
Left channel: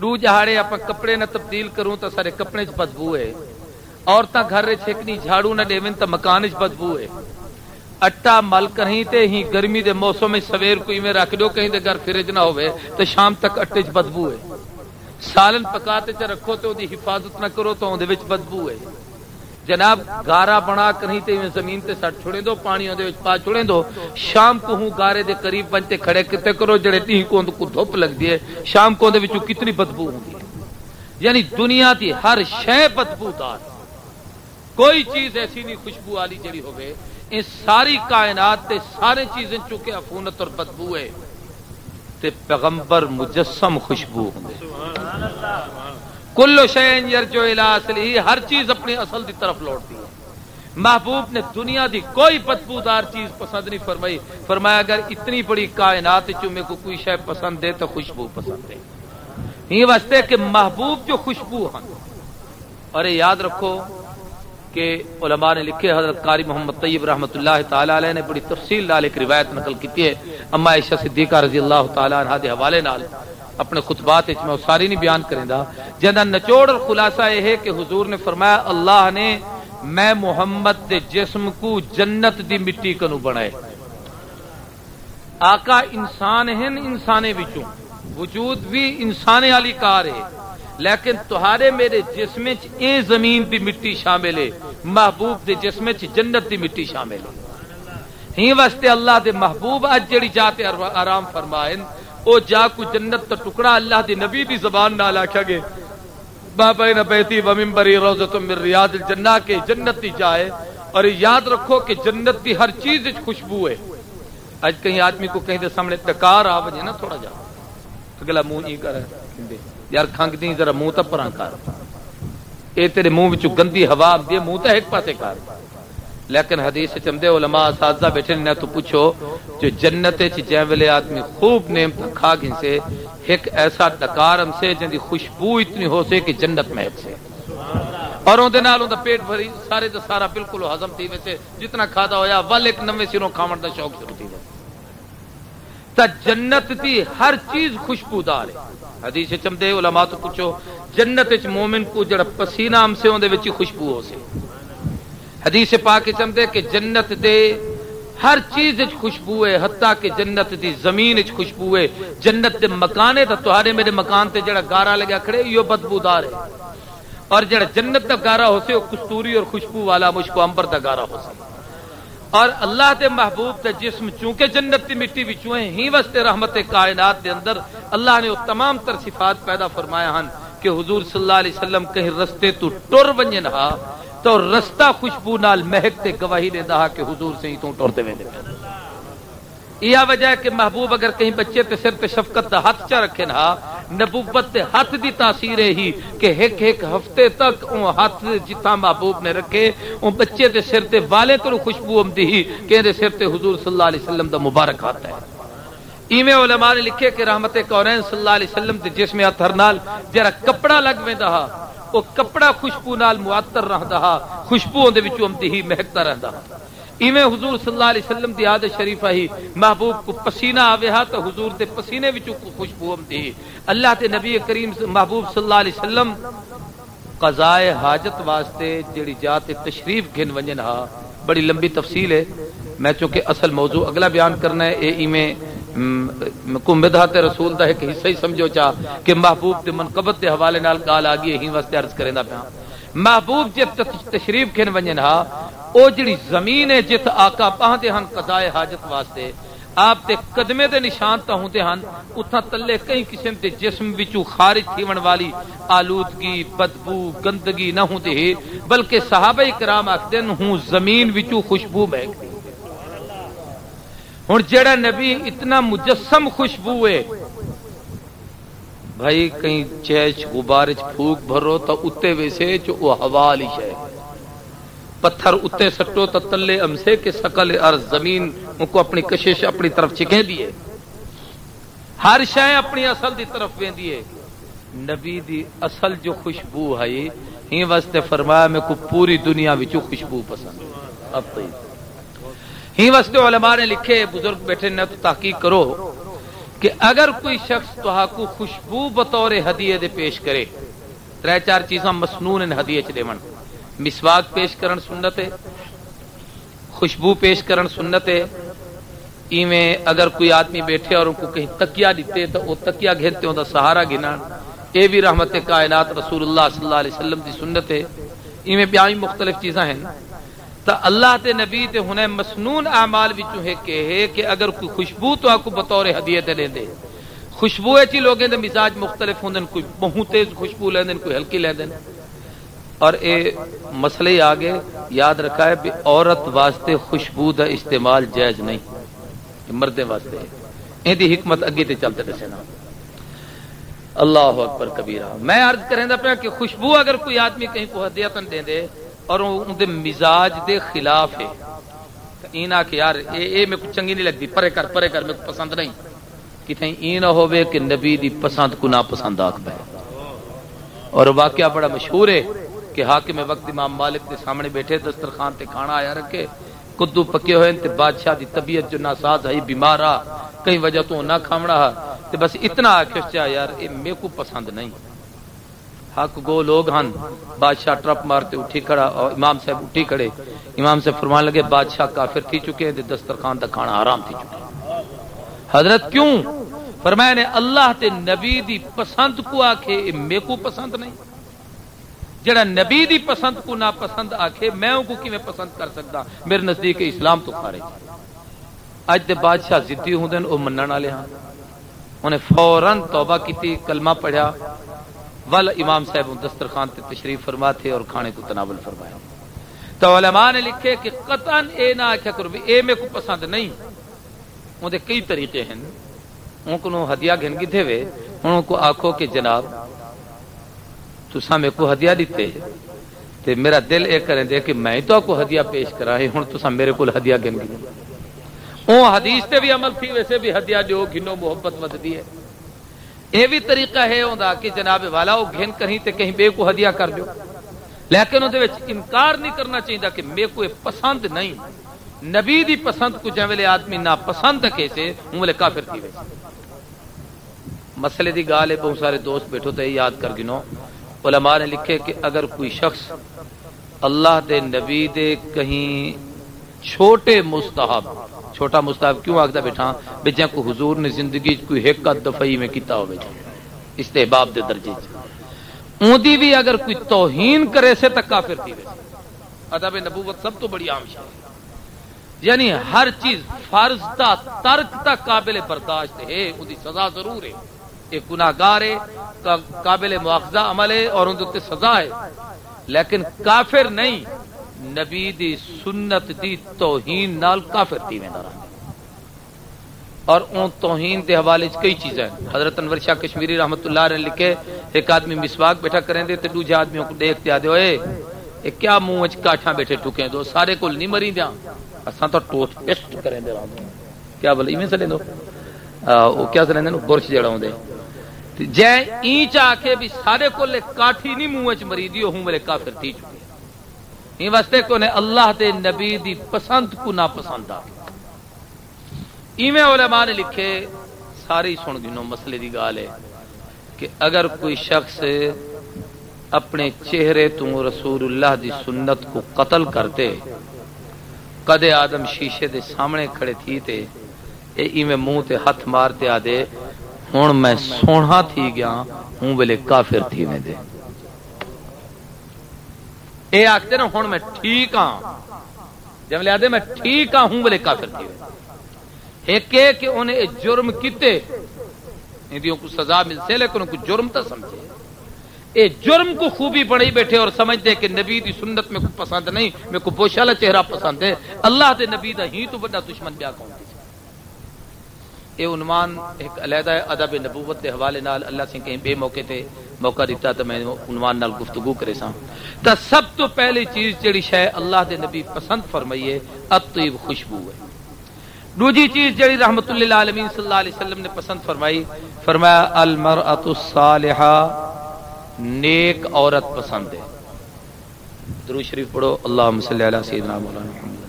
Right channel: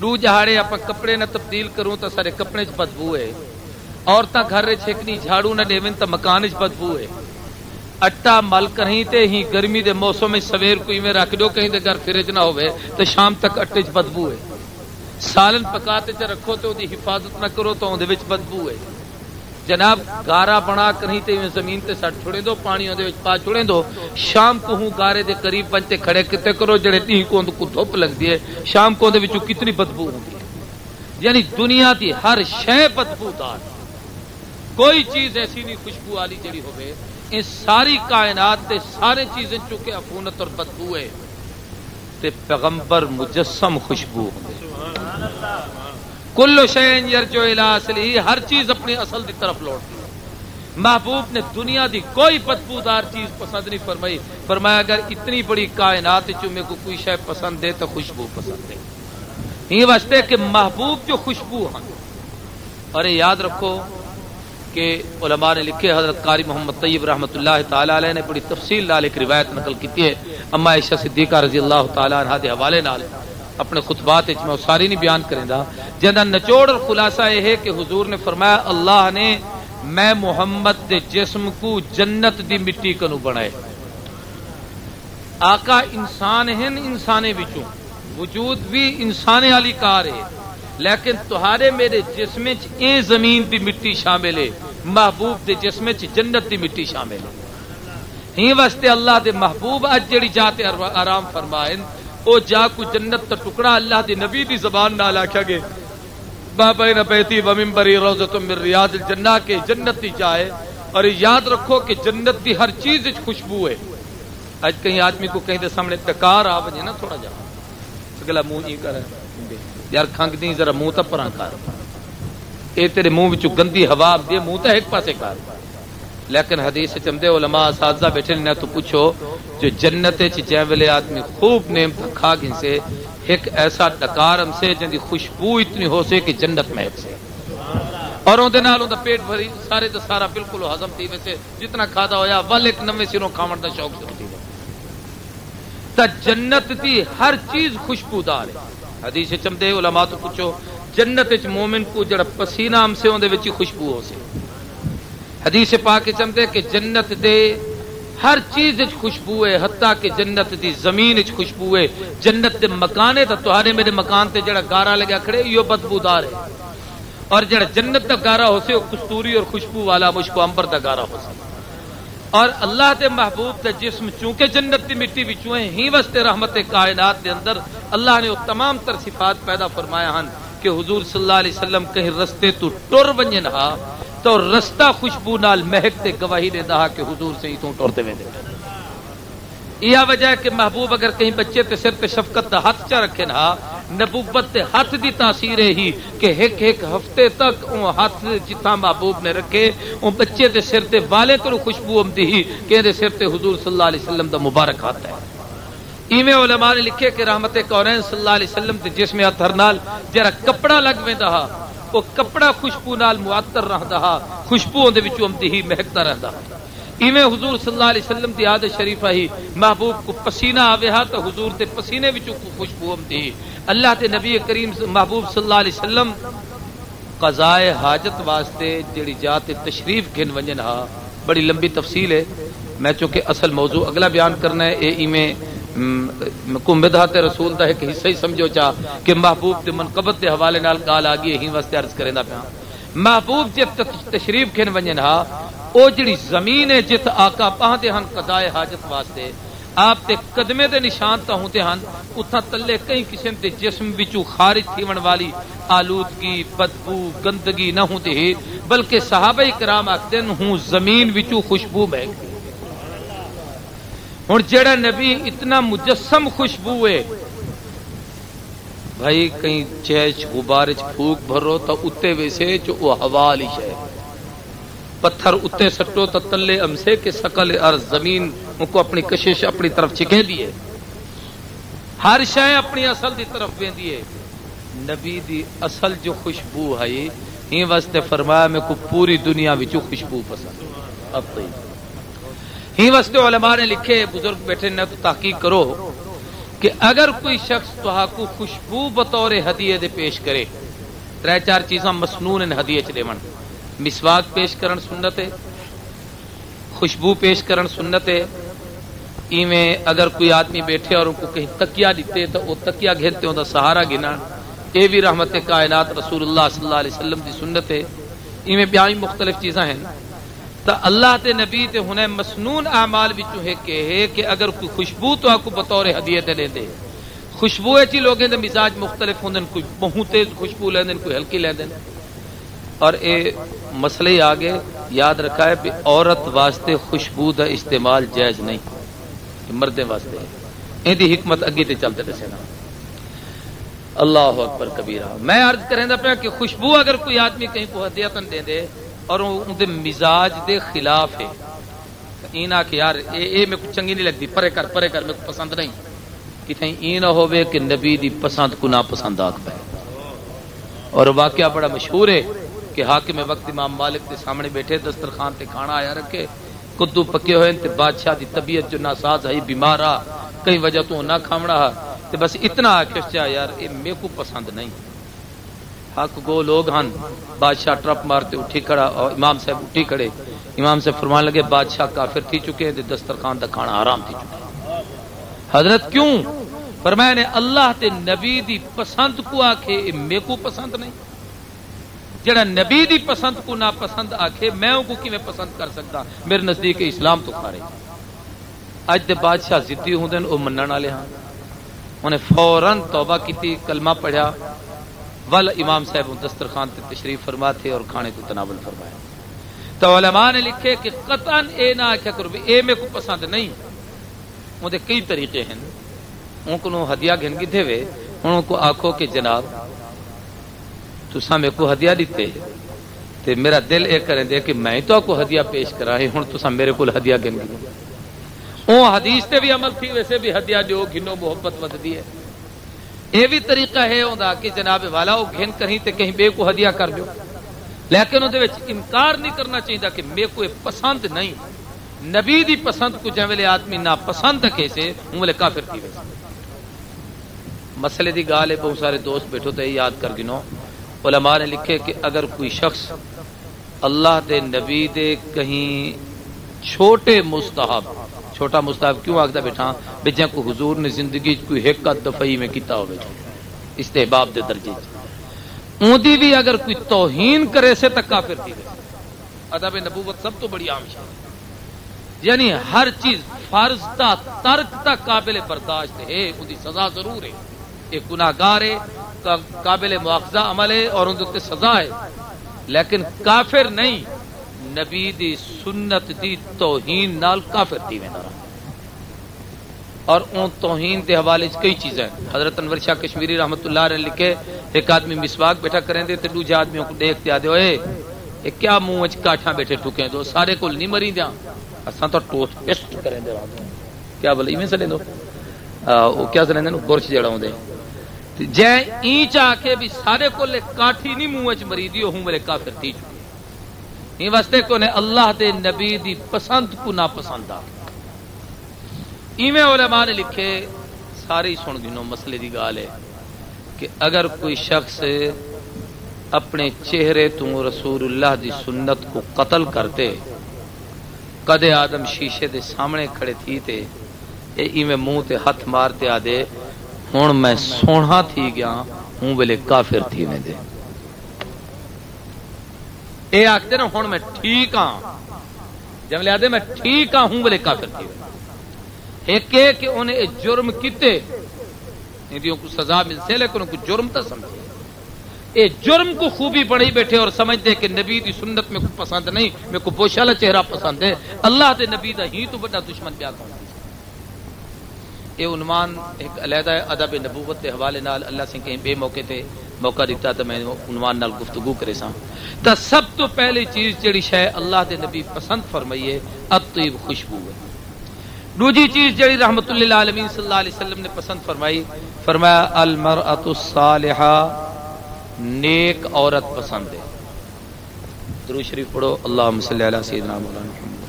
دو جہاڑے آپ کپڑے نہ تبدیل کروں تو سارے کپڑے چ بدبو ہے. عورتاں گھر چھکنی جھاڑو نہ دیون تو مکان چ بدبو ہے. اٹا مل کہیں تے ہی گرمی دے موسم میں سویر کوئی میں رکھ دو کہیں دے گھر فریج نہ ہوئے تو شام تک اٹے چ بدبو ہے. سالن پکاتے چ رکھو تو دی حفاظت نہ کرو تو اندے وچ بدبو ہے. جناب گارا بنا کہیں تے زمین تے سٹ چھوڑے دو پانی اندے وچ پا چھوڑے دو شام کو ہوں گارے دے قریب بنتے کھڑے کتے کرو جڑے ٹی کو دھوپ لگدی ہے شام کو اندے وچوں کتنی بدبو ہوندی. یعنی دنیا دی ہر شے بدبودار کوئی چیز ایسی نہیں خوشبو والی جڑی ہوے. ان ساری کائنات تے سارے چیزیں چونکہ عفونت اور بدبو ہے تے پیغمبر مجسم خوشبو ہوندے. کل شیء یرجع الی اصلہ ہر چیز اپنی اصل کی طرف لوٹتی ہے. محبوب نے دنیا دی کوئی بدبودار چیز پسند نہیں فرمائی. فرمایا اگر اتنی بڑی کائنات میں کو کوئی شے پسند ہے تو خوشبو پسند ہے. یہ واسطے کہ محبوب جو خوشبو ہے. اور یاد رکھو کہ علماء نے لکھے حضرت قاری محمد طیب رحمۃ اللہ تعالی علیہ نے بڑی تفصیل نال ایک روایت نقل کی ہے اما عائشہ صدیقہ رضی اللہ تعالی عنہا دے حوالے نال اپنے خطبات وچ میں ساری نہیں بیان کریندا جندا نچوڑ اور خلاصہ یہ ہے کہ حضور نے فرمایا اللہ نے میں محمد کے جسم کو جنت دی مٹی کنو بنائے. آقا انسان ہیں انسانے وچوں وجود بھی انسانے والی کار ہے لیکن تہارے میرے جسم اے زمین دی مٹی شامل ہے محبوب دے جسم جنت دی مٹی شامل ہے. ہی واسطے اللہ دے محبوب اج جڑی جات آرام فرمائن او جا کو جنت کا ٹکڑا اللہ دے نبی دی زبان نال آکھیا گے بابا بیتی و منبری روضۃ من ریاض الجنہ کے جنت دی جائے. اور یاد رکھو کہ جنت دی ہر چیز وچ خوشبو ہے. اج کہیں آدمی کو کہیں دے سامنے ٹکار آ وجے نا تھوڑا جا اگلا منہ نہیں کر یار کھنگ دی ذرا منہ تے پراں کر اے تیرے منہ وچوں گندی ہوا آندی منہ تے ایک پاسے کر. لیکن حدیث چمدے علماء اساتذہ بیٹھے نہ تو پوچھو جو جنت وچ جے ویلے آدمی خوب نعمت کھا گئے سے ایک ایسا ڈکار ہم سے جن دی خوشبو اتنی ہو سے کہ جنت مہک سے اور اون دے نال اون دا پیٹ بھری سارے دا سارا بالکل ہضم تھی ویسے جتنا کھادا ہویا ول ایک نویں سروں کھاون دا شوق شروع ہو گیا. تا جنت دی ہر چیز خوشبودار ہے. حدیث چمدے علماء تو پوچھو جنت وچ مومن کو جڑا پسینہ ہم سے اون دے وچ خوشبو ہو سے. حدیث پاک چمدے کہ جنت دے ہر چیز وچ خوشبو ہے حتیٰ کہ جنت دی زمین وچ خوشبو ہے. جنت دے مکان ہے تہاڈے میرے مکان تے جڑا گارا لگا کھڑے یہ بدبودار ہے اور جڑا جنت دا گارا ہو سے کستوری اور خوشبو والا مشک عنبر دا گارا ہو سے. اور اللہ دے محبوب دے جسم چونکہ جنت کی مٹی وچوں ہیں ہی واسطے رحمت کائنات دے اندر اللہ نے وہ تمام تر صفات پیدا فرمایا ہن کہ حضور صلی اللہ علیہ وسلم کہیں رستے تو ٹر ونجن ہا تو رستہ خوشبو نال مہک تے گواہی دیندا کہ حضور سے تو ٹرتے ویندے. یہ وجہ ہے کہ محبوب اگر کہیں بچے تے سر تے شفقت دا ہاتھ چا رکھے نا نبوت تے ہاتھ دی تاثیر ہی کہ ایک ہفتے تک وہ ہاتھ جتنا محبوب نے رکھے وہ بچے تے سر تے والے کو خوشبو آمدی ہی کہ دے سر تے حضور صلی اللہ علیہ وسلم دا مبارک ہاتھ ہے. ایویں علماء نے لکھے کہ رحمت کونین صلی اللہ علیہ وسلم دے جسم اطہر نال جرا کپڑا لگ ویندا ہا وہ کپڑا خوشبو نال معطر رہدا ہا خوشبو دے وچوں آمدی ہی مہکتا رہدا ہا. ایویں حضور صلی اللہ علیہ وسلم کی عادت شریفہ ہی محبوب کو پسینہ آوے ہا تو حضور دے پسینے وچوں خوشبو آمدی ہی. اللہ کے نبی کریم محبوب صلی اللہ علیہ وسلم قضائے حاجت واسطے جڑی جات تشریف گھن ونجن ہا بڑی لمبی تفصیل ہے. میں چونکہ اصل موضوع اگلا بیان کرنا ہے اے ایویں کو مدحت رسول دا ایک حصہ ہی سمجھو چا کہ محبوب دے منقبت دے حوالے نال گال آ گئی ہی واسطے عرض کریندا پیا. محبوب جے تشریف گھن ونجن ہا او جڑی زمین ہے جت آقا پہندے ہن قضائے حاجت واسطے آپ دے قدمے دے نشان تا ہوندے ہن اتھا تلے کئی قسم دے جسم وچوں خارج تھیون والی آلودگی بدبو گندگی نہ ہوندی ہے بلکہ صحابہ کرام آکھدے ہوں زمین وچوں خوشبو بہ ہن جڑا نبی اتنا مجسم خوشبو ہے بھائی کہیں چیچ غبار چ پھوک بھرو تو اتے ویسے جو وہ ہوا والی شے پتھر اتے سٹو تو تلے امسے کے سکل ارض زمین ان کو اپنی کشش اپنی طرف چکے دیے ہر شے اپنی اصل دی طرف ویندی ہے. نبی دی اصل جو خوشبو ہے یہ واسطے فرمایا میں کو پوری دنیا وچوں خوشبو پسند اب کوئی ہی واسطے علماء نے لکھے بزرگ بیٹھے نہ تو تحقیق کرو کہ اگر کوئی شخص تو کو خوشبو بطور ہدیے دے پیش کرے ترے چار چیزاں مسنون ان ہدیے چ دیون مسواک پیش کرن سنت ہے خوشبو پیش کرن سنت ہے. ایویں اگر کوئی آدمی بیٹھے اور ان کو کہیں تکیا دیتے تو وہ تکیا گھیرتے ہوں سہارا گنا یہ بھی رحمت کائنات رسول اللہ صلی اللہ علیہ وسلم کی سنت ہے. ایویں بیائی مختلف چیزاں ہیں تو اللہ تے نبی تے ہنے مسنون اعمال وچوں ہے کہ اگر کوئی خوشبو تو آپ کو بطور ہدیے تے دے خوشبو ایسی لوگوں دے مزاج مختلف ہوندے کوئی بہت تیز خوشبو لیندے کوئی ہلکی لیندے اور اے مسئلے آگے یاد رکھا ہے کہ عورت واسطے خوشبو دا استعمال جائز نہیں مردے واسطے ان دی حکمت اگے تے چلتے دسے نا. اللہ اکبر کبیرہ. میں عرض کریندا پیا کہ خوشبو اگر کوئی آدمی کہیں کو ہدیتن دے دے اور ان دے مزاج دے خلاف ہے اینا کہ یار اے میں کو چنگی نہیں لگتی پرے کر میں کو پسند نہیں کہ کہیں ای نہ ہوے کہ نبی دی پسند کو نا پسند آکھ پے. اور واقعہ بڑا مشہور ہے کہ حاکم وقت امام مالک کے سامنے بیٹھے دسترخوان تے کھانا آیا رکھے کدو پکے ہوئے تے بادشاہ دی طبیعت جو ناساز ہے بیمار آ کئی وجہ تو نہ کھاونا تے بس اتنا چچا یار اے میرے کو پسند نہیں. حق گو لوگ ہن بادشاہ ٹرپ مارتے اٹھی کھڑا اور امام صاحب اٹھی کھڑے امام سے فرمان لگے بادشاہ کافر تھی چکے ہیں دسترخوان دا کھانا حرام تھی چکے. حضرت کیوں فرمایا نے اللہ تے نبی دی پسند کو آکھے میرے کو پسند نہیں. جڑا نبی دی پسند کو نا پسند آکھے میں کو کیویں پسند کر سکتا میرے نزدیک اسلام تو خارج. اج دے بادشاہ ضدی ہوندے او منن والے ہاں انہیں فوراً توبہ کیتی کلمہ پڑھا ول امام صاحب دسترخوان تے تشریف فرما تھے اور کھانے کو تناول فرمایا. تو علماء نے لکھے کہ قطعاً اے نہ اچھا کرو اے میں کو پسند نہیں. ان دے کئی طریقے ہیں ان کو ہدیہ گھن گھے ہوئے ان کو آکھو کہ جناب تساں میرے کو ہدیہ دیتے تے میرا دل اے کریں دے کہ میں تو کو ہدیہ پیش کرا ہے ہن تساں میرے کو ہدیہ گھن او حدیث تے بھی عمل تھی ویسے بھی ہدیہ جو گھنو محبت ودی ہے. یہ بھی طریقہ ہے اوندا کہ جناب والا او گھن کہیں تے کہیں بے کو ہدیہ کر دو لیکن اون دے وچ انکار نہیں کرنا چاہیے کہ میرے کو پسند نہیں. نبی دی پسند کو جے ویلے آدمی نا پسند کیسے اون ویلے کافر تھی. مسئلے دی گال ہے بہت سارے دوست بیٹھو تے یاد کر گنو علماء نے لکھے کہ اگر کوئی شخص اللہ دے نبی دے کہیں چھوٹے مستحب چھوٹا مستحب کیوں آگتا بیٹھا بجے کو حضور نے زندگی کوئی ایک دفعی میں کیتا ہو استحباب دے درجے اون دی بھی اگر کوئی توہین کرے سے تک کافر تھی. ادب نبوت سب تو بڑی عام ہے یعنی ہر چیز فرض تا ترک تا قابل برداشت ہے ان کی سزا ضرور ہے. ایک گناہگار ہے قابل مواخذہ عمل ہے اور ان کی سزا ہے لیکن کافر نہیں. نبی دی سنت دی توہین نال کافر تھی میں اور اون توہین کے حوالے سے کئی چیزیں حضرت انور شاہ کشمیری رحمت اللہ علیہ لکھے ایک آدمی مسواک بیٹھا کریں دے تے دوجے آدمیوں کو دیکھتے آدھے ہوئے کیا منہ وچ کاٹھاں بیٹھے ٹکیں دو سارے کو نہیں مری جا اساں تو ٹوٹ ٹیسٹ کریں دے کیا بولے ایویں سلیں دو وہ کیا سلیں دے برش جڑا ہوندے جے ای چاہ کے بھی سارے کو لے کاٹھی نہیں منہ وچ مری دی ہوں میرے کافر تھی یہ واسطے کو نے اللہ دے نبی دی پسند کو نہ پسند آ ایویں علماء نے لکھے ساری سن گنو مسئلے دی گال ہے کہ اگر کوئی شخص اپنے چہرے تو رسول اللہ دی سنت کو قتل کرتے کدے آدم شیشے دے سامنے کھڑے تھی تے ایویں منہ تے ہاتھ مارتے آدے ہن میں سونا تھی گیا ہوں ویلے کافر تھی میں دے اے آختے نا ہن میں ٹھیک ہاں جب لے آدے میں ٹھیک ہاں ہوں ویلے کافر تھی ایک کہ انہیں جرم کیتے ان کو سزا ملتے لیکن ان کو جرم تو سمجھے اے جرم کو خوبی بڑی بیٹھے اور سمجھتے کہ نبی دی سنت میں کو پسند نہیں میں کو بوشالا چہرہ پسند ہے اللہ دے نبی دا ہی تو بڑا دشمن بیا کون یہ عنوان ایک علیحدہ ادب نبوت کے حوالے نال اللہ سے کہیں بے موقع تے موقع دیتا تو میں عنوان نال گفتگو کرے سا تو سب تو پہلی چیز جڑی شے اللہ دے نبی پسند فرمائیے اطیب خوشبو ہے دوسری چیز جڑی رحمت اللہ عالمین صلی اللہ علیہ وسلم نے پسند فرمائی فرمایا المرأۃ الصالحہ نیک عورت پسند ہے درود شریف پڑھو اللہم صلی علی سیدنا مولانا محمد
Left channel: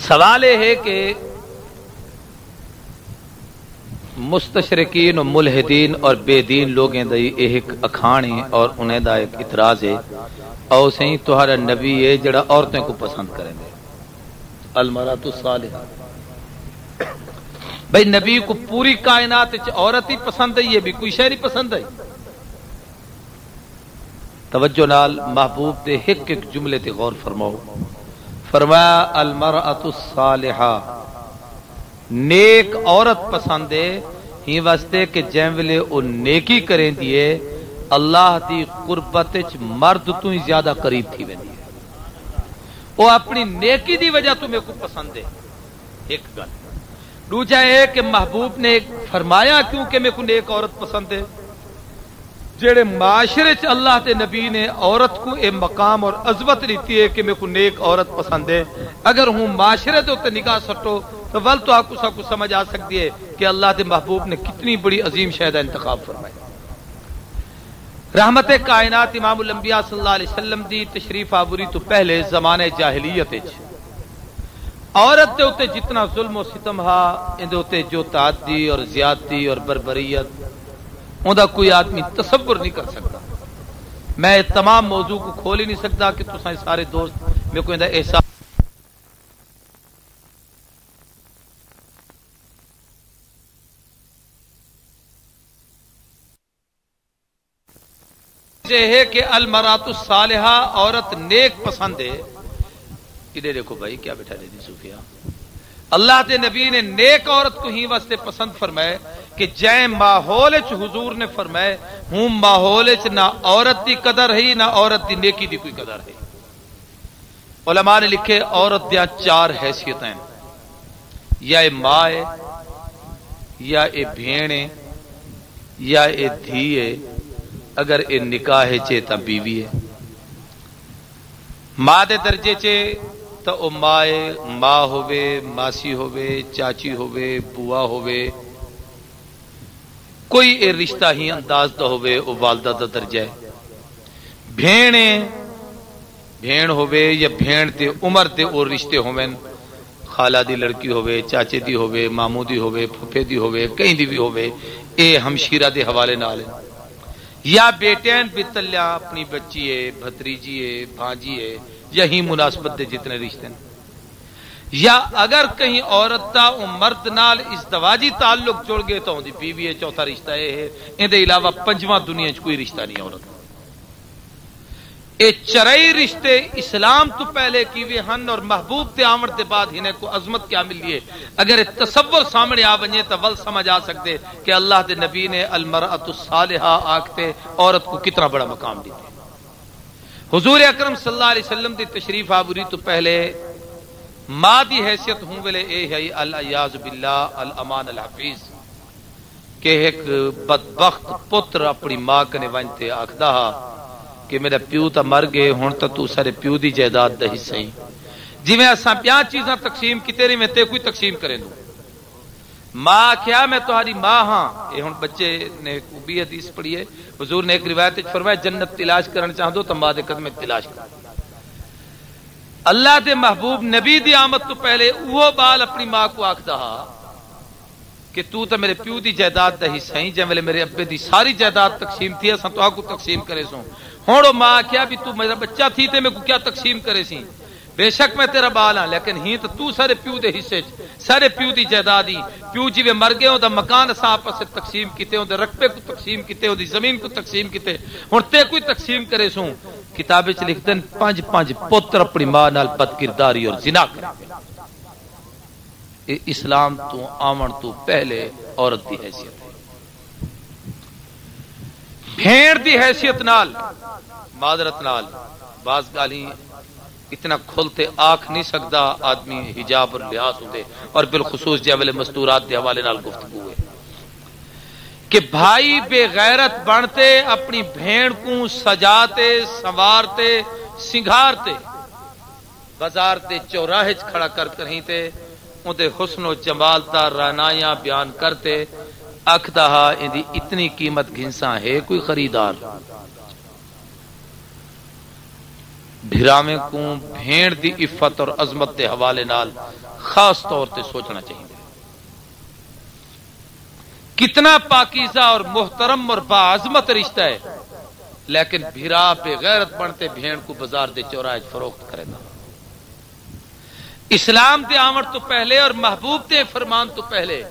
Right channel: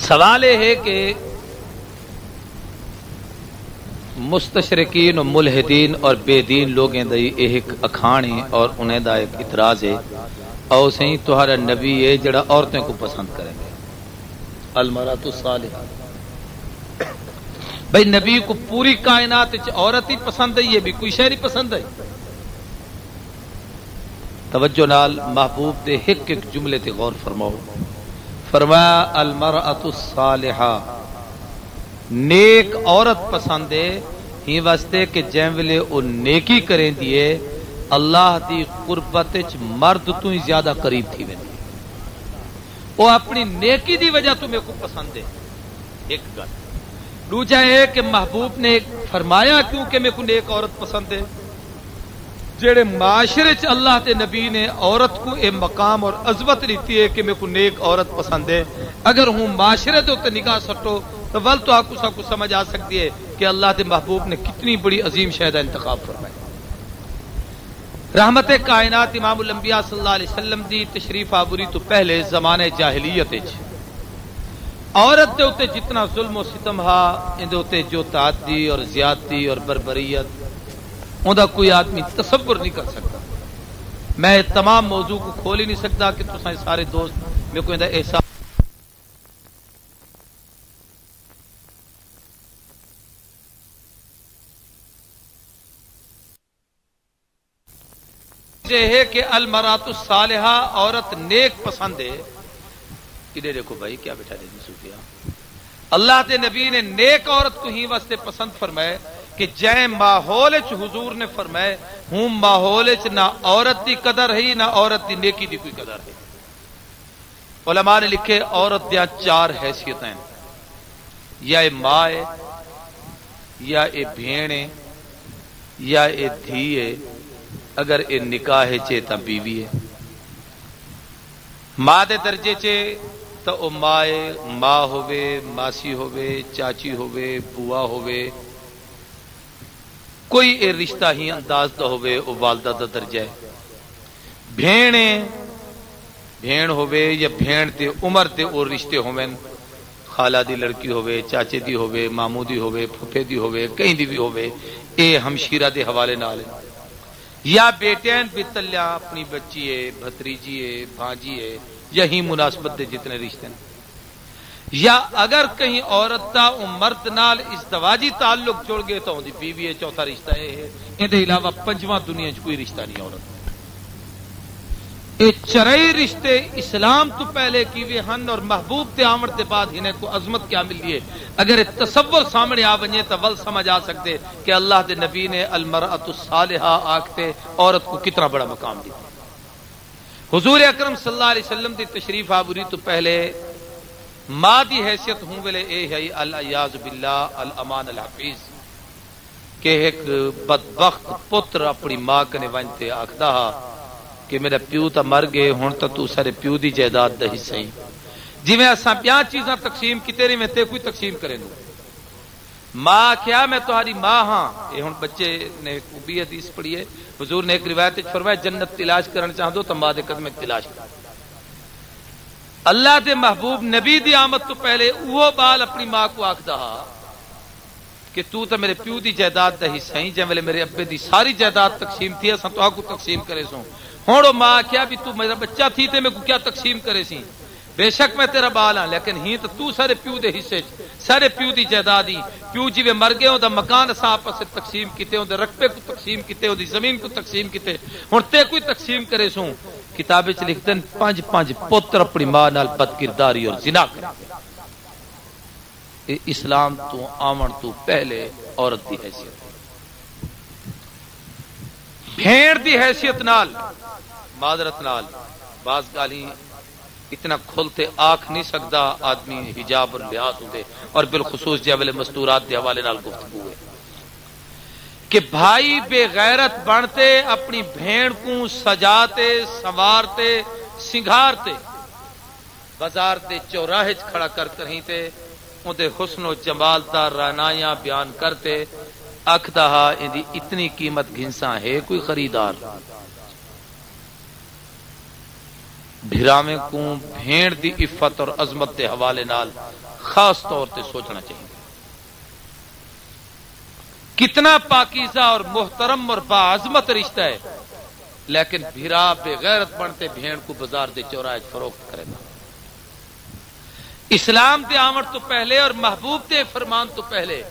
سوال یہ ہے کہ مستشرقین و ملحدین اور بے دین لوگیں دی ایک اکھانی اور انہیں دا ایک اعتراض ہے اور صحیح تہارا نبی ہے جڑا عورتیں کو پسند کریں گے المرأۃ الصالحہ بھئی نبی کو پوری کائنات عورت ہی پسند ہے یہ بھی کوئی شے نہیں پسند ہے توجہ نال محبوب دے ایک ایک جملے تے غور فرماؤ فرمایا المرأۃ الصالحہ نیک عورت پسند ہے ہی واسطے کہ جن ویلے او نیکی کریں دیے اللہ دی قربت وچ مرد تو ہی زیادہ قریب تھی ویندی او اپنی نیکی دی وجہ تو میرے کو پسند ہے ایک گل دوجا ہے کہ محبوب نے فرمایا کیوں کہ میرے کو نیک عورت پسند ہے جڑے معاشرے چ اللہ تے نبی نے عورت کو اے مقام اور عظمت دیتی ہے کہ میرے کو نیک عورت پسند ہے اگر ہوں معاشرے تو تے نگاہ سٹو تو ول تو آپ کو سب کو سمجھ آ سکتی ہے کہ اللہ کے محبوب نے کتنی بڑی عظیم شہدہ انتخاب فرمایا رحمت کائنات امام الانبیاء صلی اللہ علیہ وسلم دی تشریف آوری تو پہلے زمانے جاہلیت عورت دے اوتے جتنا ظلم و ستم ہا ان دے اوتے جو تعدی اور زیادتی اور بربریت اوندا کوئی آدمی تصور نہیں کر سکتا میں تمام موضوع کو کھول ہی نہیں سکتا کہ تساں سارے دوست میرے کو اندا احساس ہے کہ المرأۃ الصالحہ عورت نیک پسند ہے کدے دیکھو بھائی کیا بیٹھا دے صوفیا اللہ کے نبی نے نیک عورت کو ہی واسطے پسند فرمائے کہ جے ماحول وچ حضور نے فرمائے ہوں ماحول وچ نہ عورت دی قدر ہے نہ عورت دی نیکی دی کوئی قدر ہے علماء نے لکھے عورت دیا 4 حیثیتیں یا اے ماں ہے یا اے بھیڑ ہے یا اے دھی ہے اگر اے نکاح چے تا بیوی ہے ماں دے درجے چے تا او ماں ہوے ماسی ہوے چاچی ہوے بوا ہوے کوئی اے رشتہ ہی انداز دا ہوے او والدہ دا درجہ ہے بھیڑ ہوے یا بھیڑ تے عمر تے او رشتے ہوویں خالہ دی لڑکی ہوے چاچے دی ہوے ماموں دی ہوے پھپھے دی ہوے کہیں دی بھی ہوے اے ہمشیرہ دے حوالے نال یا بیٹین بتلیا اپنی بچی ہے بھتریجی ہے بھانجی ہے یہی مناسبت دے جتنے رشتے ہیں یا اگر کہیں عورت تا مرد نال ازدواجی تعلق جڑ گئے تو دی بیوی ہے چوتھا رشتہ ہے ان دے علاوہ پنجواں دنیا چ کوئی رشتہ نہیں عورت اے چرئی رشتے اسلام تو پہلے کیوے ہن اور محبوب تے آمد کے بعد انہیں کو عظمت کیا ملی ہے اگر تصور سامنے آ ونجے تو ول سمجھ آ سکتے کہ اللہ دے نبی نے المرأۃ الصالحہ آکھتے عورت کو کتنا بڑا مقام دیا حضور اکرم صلی اللہ علیہ وسلم دی تشریف آوری تو پہلے ماں دی حیثیت ہوں ویلے اے ہے الیاذ باللہ الامان الحفیظ کہ ایک بدبخت پتر اپنی ماں کنے ونجتے آکھدا کہ میرا پیو تا مر گئے ہن تو سارے پیو دی جائیداد دا حصہ ہی جویں اساں پیاں چیزاں تقسیم کیتے رہے میں تے کوئی تقسیم کرے نو ماں کیا میں تہاڈی ماں ہاں اے ہن بچے نے بھی حدیث پڑھی ہے حضور نے ایک روایت وچ فرمایا جنت تلاش کرن چاہندو تو ماں دے قدم تلاش کر اللہ دے محبوب نبی دی آمد تو پہلے وہ بال اپنی ماں کو آکھدا کہ تو تے میرے پیو دی جائیداد دا حصہ ہی جے ویلے میرے ابے دی ساری جائیداد تقسیم تھی اساں تو کو تقسیم کرے سوں ہن او ماں کیا بھی تو میرا بچہ تھی تے میں کو کیا تقسیم کرے سی بے شک میں تیرا بال ہاں لیکن ہی تو سارے پیو دے حصے سارے پیو دی جائیداد ہی پیو جی مر گئے دا مکان اساں آپس سے تقسیم کیتے اون دے رقبے کو تقسیم کیتے اون دی زمین کو تقسیم کیتے ہن تے کوئی تقسیم کرے سوں کتاب وچ لکھدے پنج پتر اپنی ماں نال بد کرداری اور زنا کرتے اسلام تو آمن تو پہلے عورت دی حیثیت بھیڑ دی حیثیت نال معذرت نال بعض گالی اتنا کھلتے آنکھ نہیں سکتا آدمی حجاب اور لحاظ ہوتے اور بالخصوص جاولے مستورات کے حوالے نال گفتگو ہے کہ بھائی بے غیرت بنتے اپنی بھیڑ کو سجاتے سنوارتے سنگھارتے بازار تے چوراہے کھڑا کر کہیں تے اندے حسن و جمال دا رانایاں بیان کرتے اکھدا اندی اتنی قیمت گھنساں ہے کوئی خریدار بھراویں کو بھیڑ دی عفت اور عظمت کے حوالے نال خاص طور تے سوچنا چاہیے کتنا پاکیزہ اور محترم اور باعظمت رشتہ ہے لیکن بھرا بے غیرت بنتے بھیڑ کو بازار دے چوراہے فروخت کرے گا اسلام دے آمد تو پہلے اور محبوب دے فرمان تو پہلے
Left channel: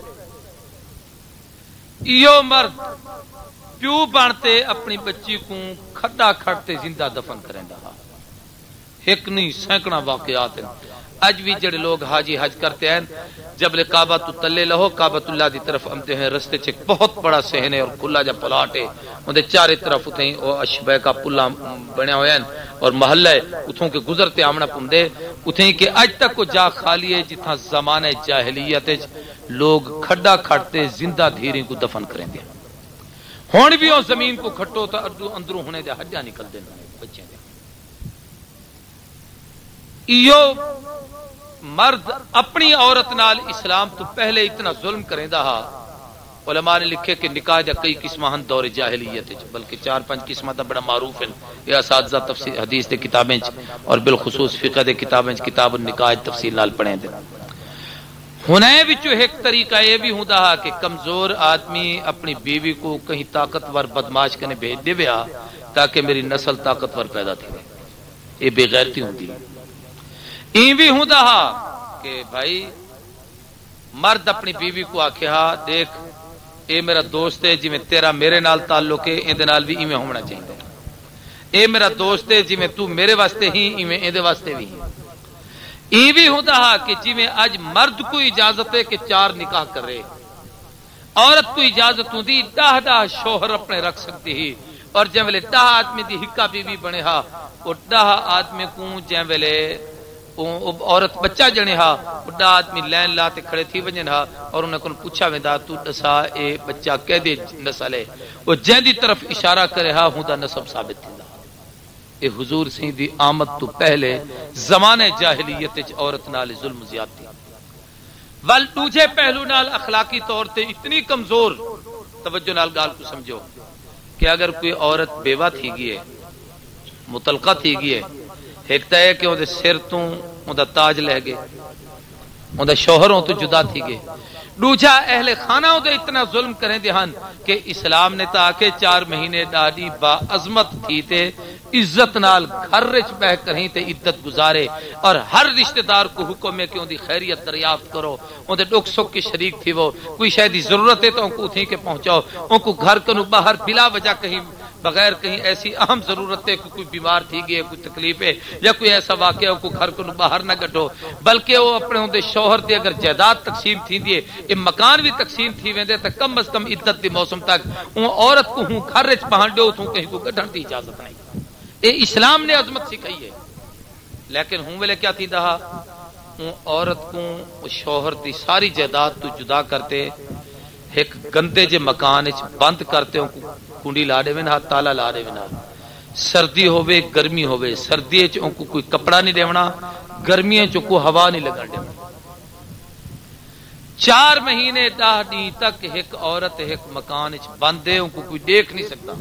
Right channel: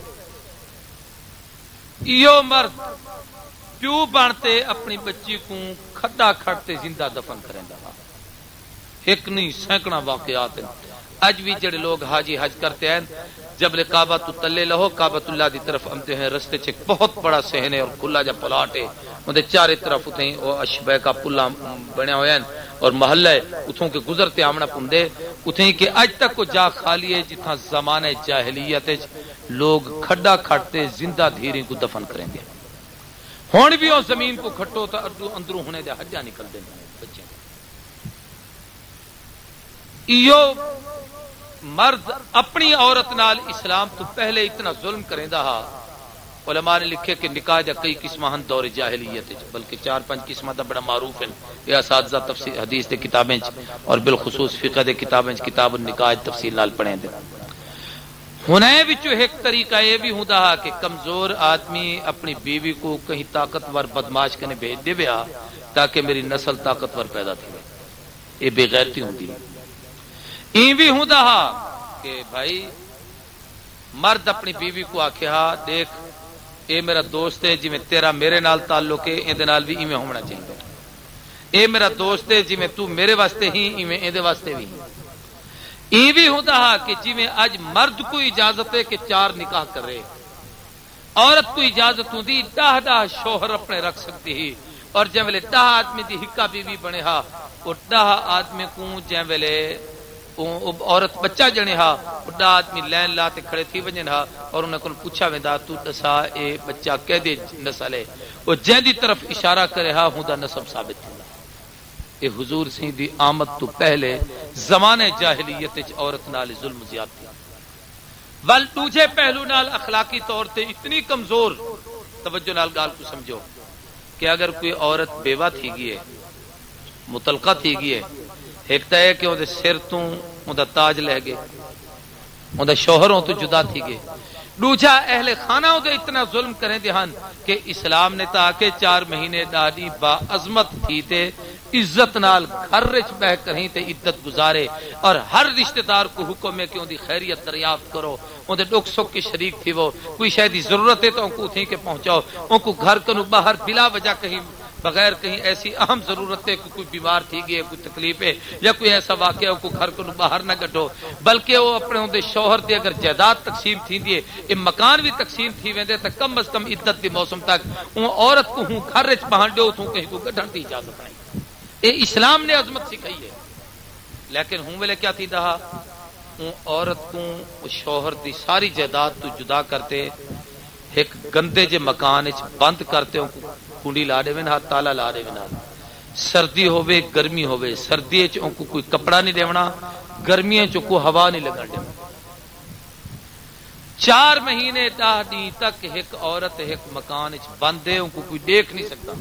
ایو مرد پیو بنتے اپنی بچی کو کھڈا کھڑتے زندہ دفن کریں گا ایک نہیں سینکڑا واقعات ہیں اج بھی جڑے لوگ حاجی حج کرتے ہیں جب کعبہ تو تلے لہو کعبۃ اللہ دی طرف آمتے ہیں رستے چ بہت بڑا صحن ہے اور کھلا جا پلاٹ ہے اندے چارے طرف اتیں او اشبہ کا پلا بنیا ہویا ہے اور محلہ ہے اتوں کے گزرتے آمنا پندے اتیں کہ اج تک کو جا خالی ہے جتھا زمانہ جاہلیت لوگ کھڈا کھٹتے زندہ دھیریں کو دفن کریں گے ہن بھی اس زمین کو کھٹو تا اندروں ہونے دے حجا نکل دے بچے ایو مرد اپنی عورت نال اسلام تو پہلے اتنا ظلم کریں دا علماء نے لکھے کہ نکاح دا کئی قسماں ہن دور جاہلیت بلکہ 4-5 قسماں دا بڑا معروف ہیں یہ اساتذہ تفسیر حدیث دے کتابیں اور بالخصوص فقہ دے کتابیں کتاب النکاح تفصیل نال پڑھیں دے ہنے وچوں ایک طریقہ یہ بھی ہوندا کہ کمزور آدمی اپنی بیوی کو کہیں طاقتور بدماش کنے بھیج دے ویا تاکہ میری نسل طاقتور پیدا تھے یہ بے غیرتی ہوندی ہے این بھی ہوندا کہ بھائی مرد اپنی بیوی کو آکھیا دیکھ اے میرا دوست ہے جی میں تیرا میرے نال تعلق ہے ایں دے نال بھی ایویں ہونا چاہیے اے میرا دوست ہے جی میں تو میرے واسطے ہی ایویں ایں دے واسطے بھی این بھی ہوندا کہ جی میں اج مرد کو اجازت ہے کہ 4 نکاح کرے عورت کو اجازت ہوندی 10 شوہر اپنے رکھ سکتی ہی اور جے ویلے 10 آدمی دی ہکا بیوی بنے ہا او 10 آدمی کو جے ویلے عورت بچہ جنے ہا بڑا آدمی لین لا تے کھڑے تھی ونجن ہا اور انہاں کول پوچھا ویندا تو دسا اے بچہ کدے نسل ہے او جہدی طرف اشارہ کرے ہا ہوندا نسب ثابت تھیندا اے حضور سی دی آمد تو پہلے زمانے جاہلیت وچ عورت نال ظلم زیادتی ول دوجے پہلو نال اخلاقی طور تے اتنی کمزور توجہ نال گال کو سمجھو کہ اگر کوئی عورت بیوہ تھی گئی ہے مطلقہ تھی گئی ہے ایک تو ہے کہ وہ سر تو وہ تاج لے گئے وہ شوہروں تو جدا تھی گئے دوجا اہل خانہ وہ اتنا ظلم کریں دہن کہ اسلام نے تاکہ 4 مہینے ڈاڈی با عظمت تھی تے عزت نال گھر رچ بہ کریں تے عدت گزارے اور ہر رشتہ دار کو حکم ہے کہ ان دی خیریت دریافت کرو ان دے دکھ سکھ کی شریک تھی وہ کوئی شاید دی ضرورت ہے تو ان کو تھی کہ پہنچاؤ ان کو گھر کنو باہر بلا وجہ کہیں بغیر کہیں ایسی اہم ضرورت ہے کہ کوئی بیمار تھی گئی ہے کوئی تکلیف ہے یا کوئی ایسا واقعہ کو گھر کو باہر نہ کٹو بلکہ وہ اپنے ہوندے شوہر تے اگر جائیداد تقسیم تھی دیے یہ مکان بھی تقسیم تھی ویندے تے کم از کم عدت دی موسم تک اون عورت کو ہوں گھر وچ پہنچ دیو تو کہیں کو کڈھن دی اجازت نہیں یہ اسلام نے عظمت سکھائی ہے. لیکن ہوں ویلے کیا تھی دہا عورت کو شوہر دی ساری جائیداد تو جدا کرتے ایک گندے جے مکان بند کرتے کنڈی لا دے نا تالا لا دے نا. سردی ہوے گرمی ہوے سردی کو کوئی کپڑا نہیں دیونا گرمی کو ہوا نہیں لگا دینا. 4 مہینے 10 دن تک ایک عورت ایک مکان بند ہے ان کو کوئی دیکھ نہیں سکتا.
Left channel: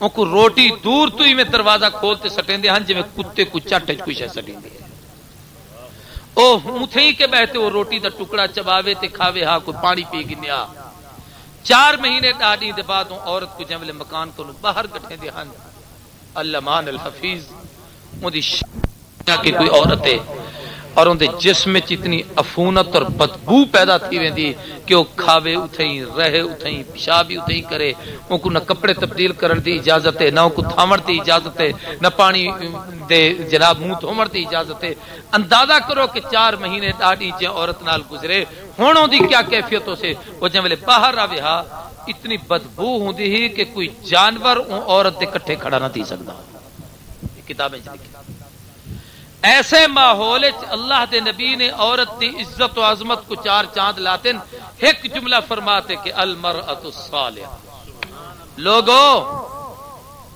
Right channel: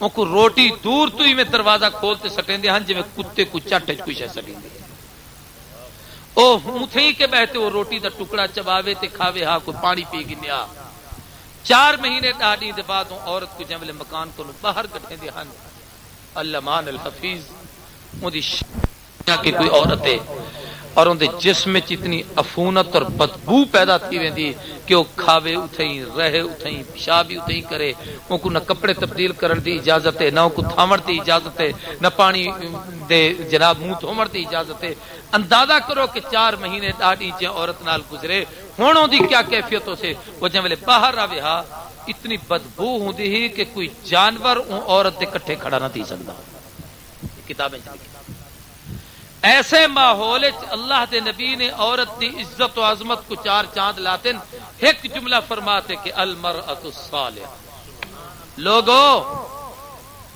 ان کو روٹی دور تو ہی میں دروازہ کھولتے سٹیں دے ہن جی کتے کو چٹ کوئی شے سٹیں دے او ہوں تھے ہی کہ بہتے وہ روٹی دا ٹکڑا چباوے تے کھاوے ہاں کوئی پانی پی گنیا. 4 مہینے 10 دن دے بعد عورت کو جملے مکان کو باہر کٹھے دے ہن. علمان الحفیظ ان دی کہ کوئی عورت ہے اور ان دے جسم میں اتنی عفونت اور بدبو پیدا تھی ویندی کہ وہ کھاوے اتھیں رہے اتھیں پیشاب بھی اتھیں کرے. ان کو نہ کپڑے تبدیل کرن دی اجازت ہے نہ ان کو تھامن دی اجازت ہے نہ پانی دے جناب منہ دھومن دی اجازت ہے. اندازہ کرو کہ 4 مہینے 10 دن عورت نال گزرے ہن دی کیا کیفیت ہو سے. وہ جملے باہر آوے ہا اتنی بدبو ہوندی ہی کہ کوئی جانور عورت دے کٹھے کھڑا نہ تھی سکتا. کتابیں ایسے ماحول اللہ دے نبی نے عورت دی عزت و عظمت کو 4 چاند لاتے ایک جملہ فرماتے کہ المرأۃ الصالحہ. لوگوں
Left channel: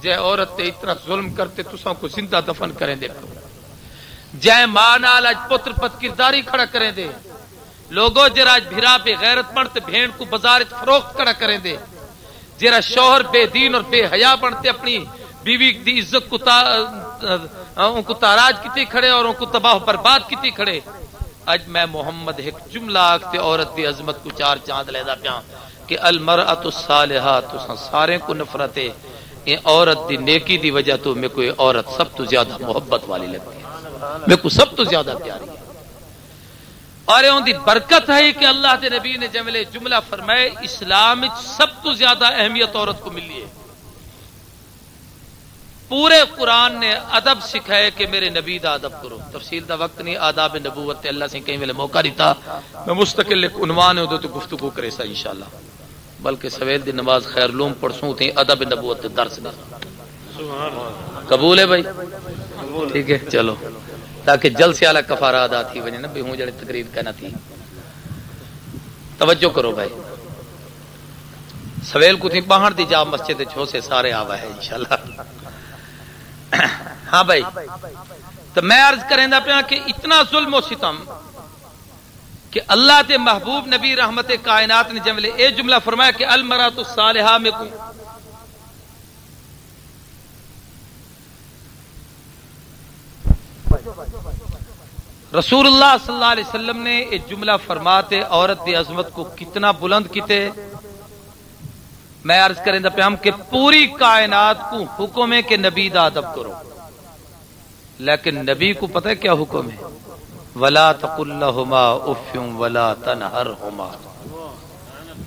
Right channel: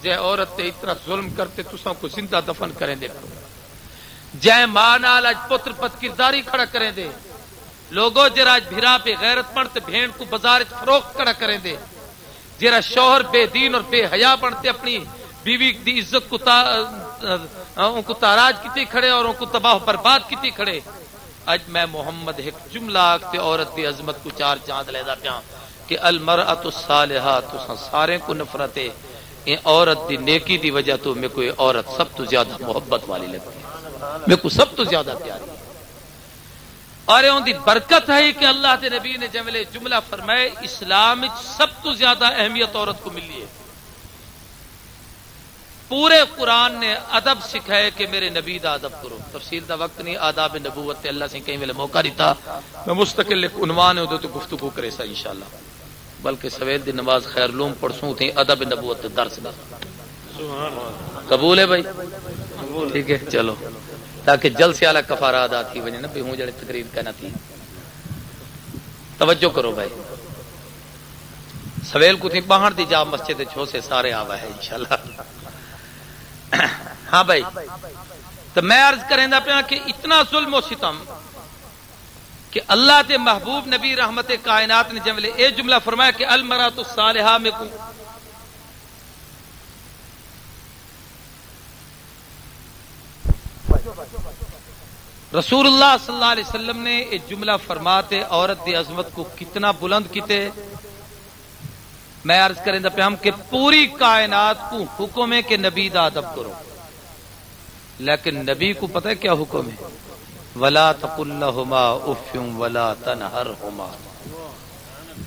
جے عورت تے اتنا ظلم کرتے تساں کو زندہ دفن کریں دے جے ماں نال اج پتر پت کرداری کھڑا کریں دے. لوگوں جرا اج بھرا پہ غیرت بنتے بھیڑ کو بازار فروخت کھڑا کریں دے. جرا شوہر بے دین اور بے حیا بنتے اپنی بیوی دی عزت کو تاراج کتی کھڑے اور ان کو تباہ برباد کتی کھڑے. اج میں محمد ایک جملہ آکتے عورت دی عظمت کو 4 چاند لیدا پیا کہ المرأۃ الصالحہ تو سارے کو نفرت ہے. یہ عورت دی نیکی دی وجہ تو میں کوئی عورت سب تو زیادہ محبت والی لگتی ہے میں کو سب تو زیادہ پیاری ہے. اور ان دی برکت ہے کہ اللہ کے نبی نے جملہ فرمائے اسلام سب تو زیادہ اہمیت عورت کو ملی ہے. پورے قرآن نے ادب سکھائے کہ میرے نبی دا ادب کرو. تفصیل دا وقت نہیں آداب نبوت اللہ سے کہیں ویلے موقع دیتا میں مستقل ایک عنوان ہے تو گفتگو کرے سا انشاءاللہ. بلکہ سویل دی نماز خیر لوم پڑھسوں تھے ادب نبوت درس نہ قبول ہے بھائی ٹھیک ہے چلو تاکہ جلد سے اعلی کفارہ ادا تھی وجہ نہ بھی ہوں جڑے تقریر کہنا تھی. توجہ کرو بھائی سویل کو تھی باہر دی جا مسجد چھو سے سارے آوا ہے انشاءاللہ. ہاں بھائی تو میں عرض کریں دا پیا کہ اتنا ظلم و ستم کہ اللہ کے محبوب نبی رحمت کائنات نے جملے اے جملہ فرمایا کہ المرأۃ الصالحہ میں کو رسول اللہ صلی اللہ علیہ وسلم نے یہ جملہ فرماتے عورت کی عظمت کو کتنا بلند کیتے. میں عرض کریں دا پیام کہ پوری کائنات کو حکم ہے کہ نبی دا ادب کرو. لیکن نبی کو پتہ ہے کیا حکم ہے ولا تقل لهما اف ولا تنهرهما.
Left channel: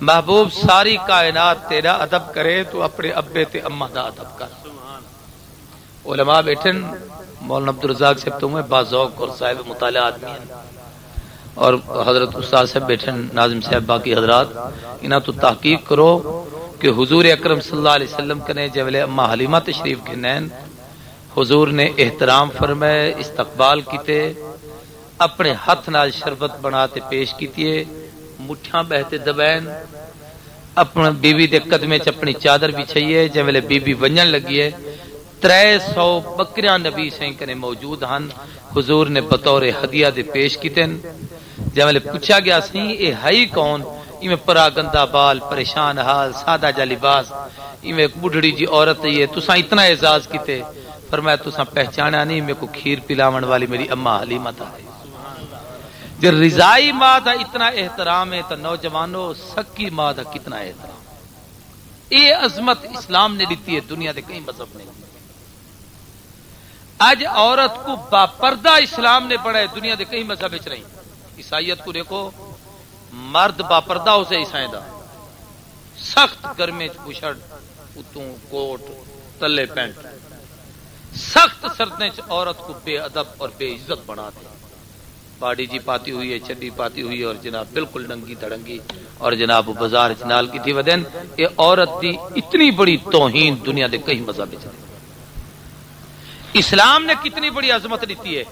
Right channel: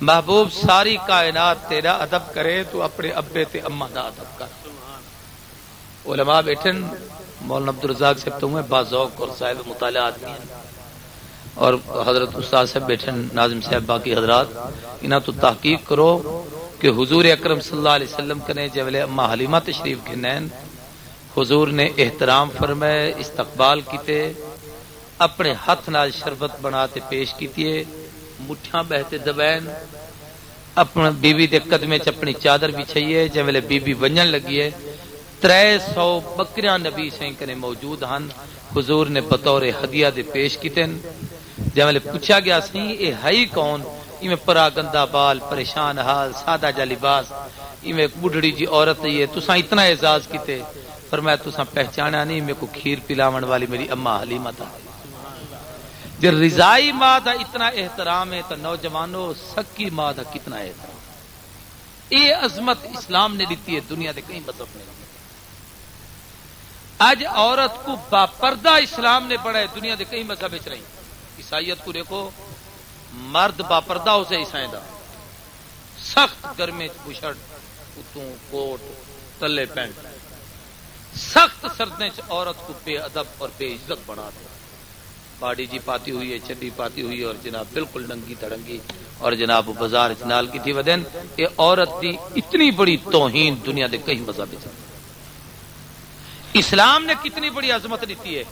محبوب ساری کائنات تیرا ادب کرے تو اپنے ابے تے اما دا ادب کر. علماء بیٹھن مولانا عبدالرزاق صاحب تو میں باذوق اور صاحب مطالعات اور حضرت استاد صاحب بیٹھن ناظم صاحب باقی حضرات انہاں تو تحقیق کرو کہ حضور اکرم صلی اللہ علیہ وسلم کنے جبلے اما حلیمہ تشریف کے نین حضور نے احترام فرمائے استقبال کیتے اپنے ہاتھ نال شربت بناتے پیش کیتے مٹھیاں بہتے دبین اپنے بیوی دے قدمے چ اپنی چادر بچھائیے جبلے بیوی ونجن لگی ہے. 300 بکریاں نبی سائیں کنے موجود ہن حضور نے بطور ہدیہ دے پیش کیتے. جب پوچھا گیا سی اے ہائی کون میں پرا گندا بال پریشان حال سادہ جا لباس میں ایک بڑھڑی جی عورت ہے تساں اتنا اعزاز کیتے فرمایا تساں پہچانا نہیں میں کو کھیر پلاون والی میری اما حلیمہ تھا. جب رضائی ماں دا اتنا احترام ہے تو نوجوانوں سکی ماں دا کتنا احترام. یہ عظمت اسلام نے دیتی ہے دنیا دے کہیں مذہب نہیں. آج عورت کو باپردہ اسلام نے بڑھا ہے دنیا دے کئی مذہب چ رہی. عیسائیت کو دیکھو مرد باپردہ اسے عیسائی دا سخت گرمی بشڑ اتوں کوٹ تلے پینٹ سخت سردے عورت کو بے ادب اور بے عزت بنا دے. باڑی جی پاتی ہوئی ہے چڈی پاتی ہوئی ہے اور جناب بالکل ننگی تڑنگی اور جناب بازار چنال کی تھی ودین یہ عورت دی اتنی بڑی توہین دنیا دے کئی مذہب چ اسلام نے کتنی بڑی عظمت دیتی ہے،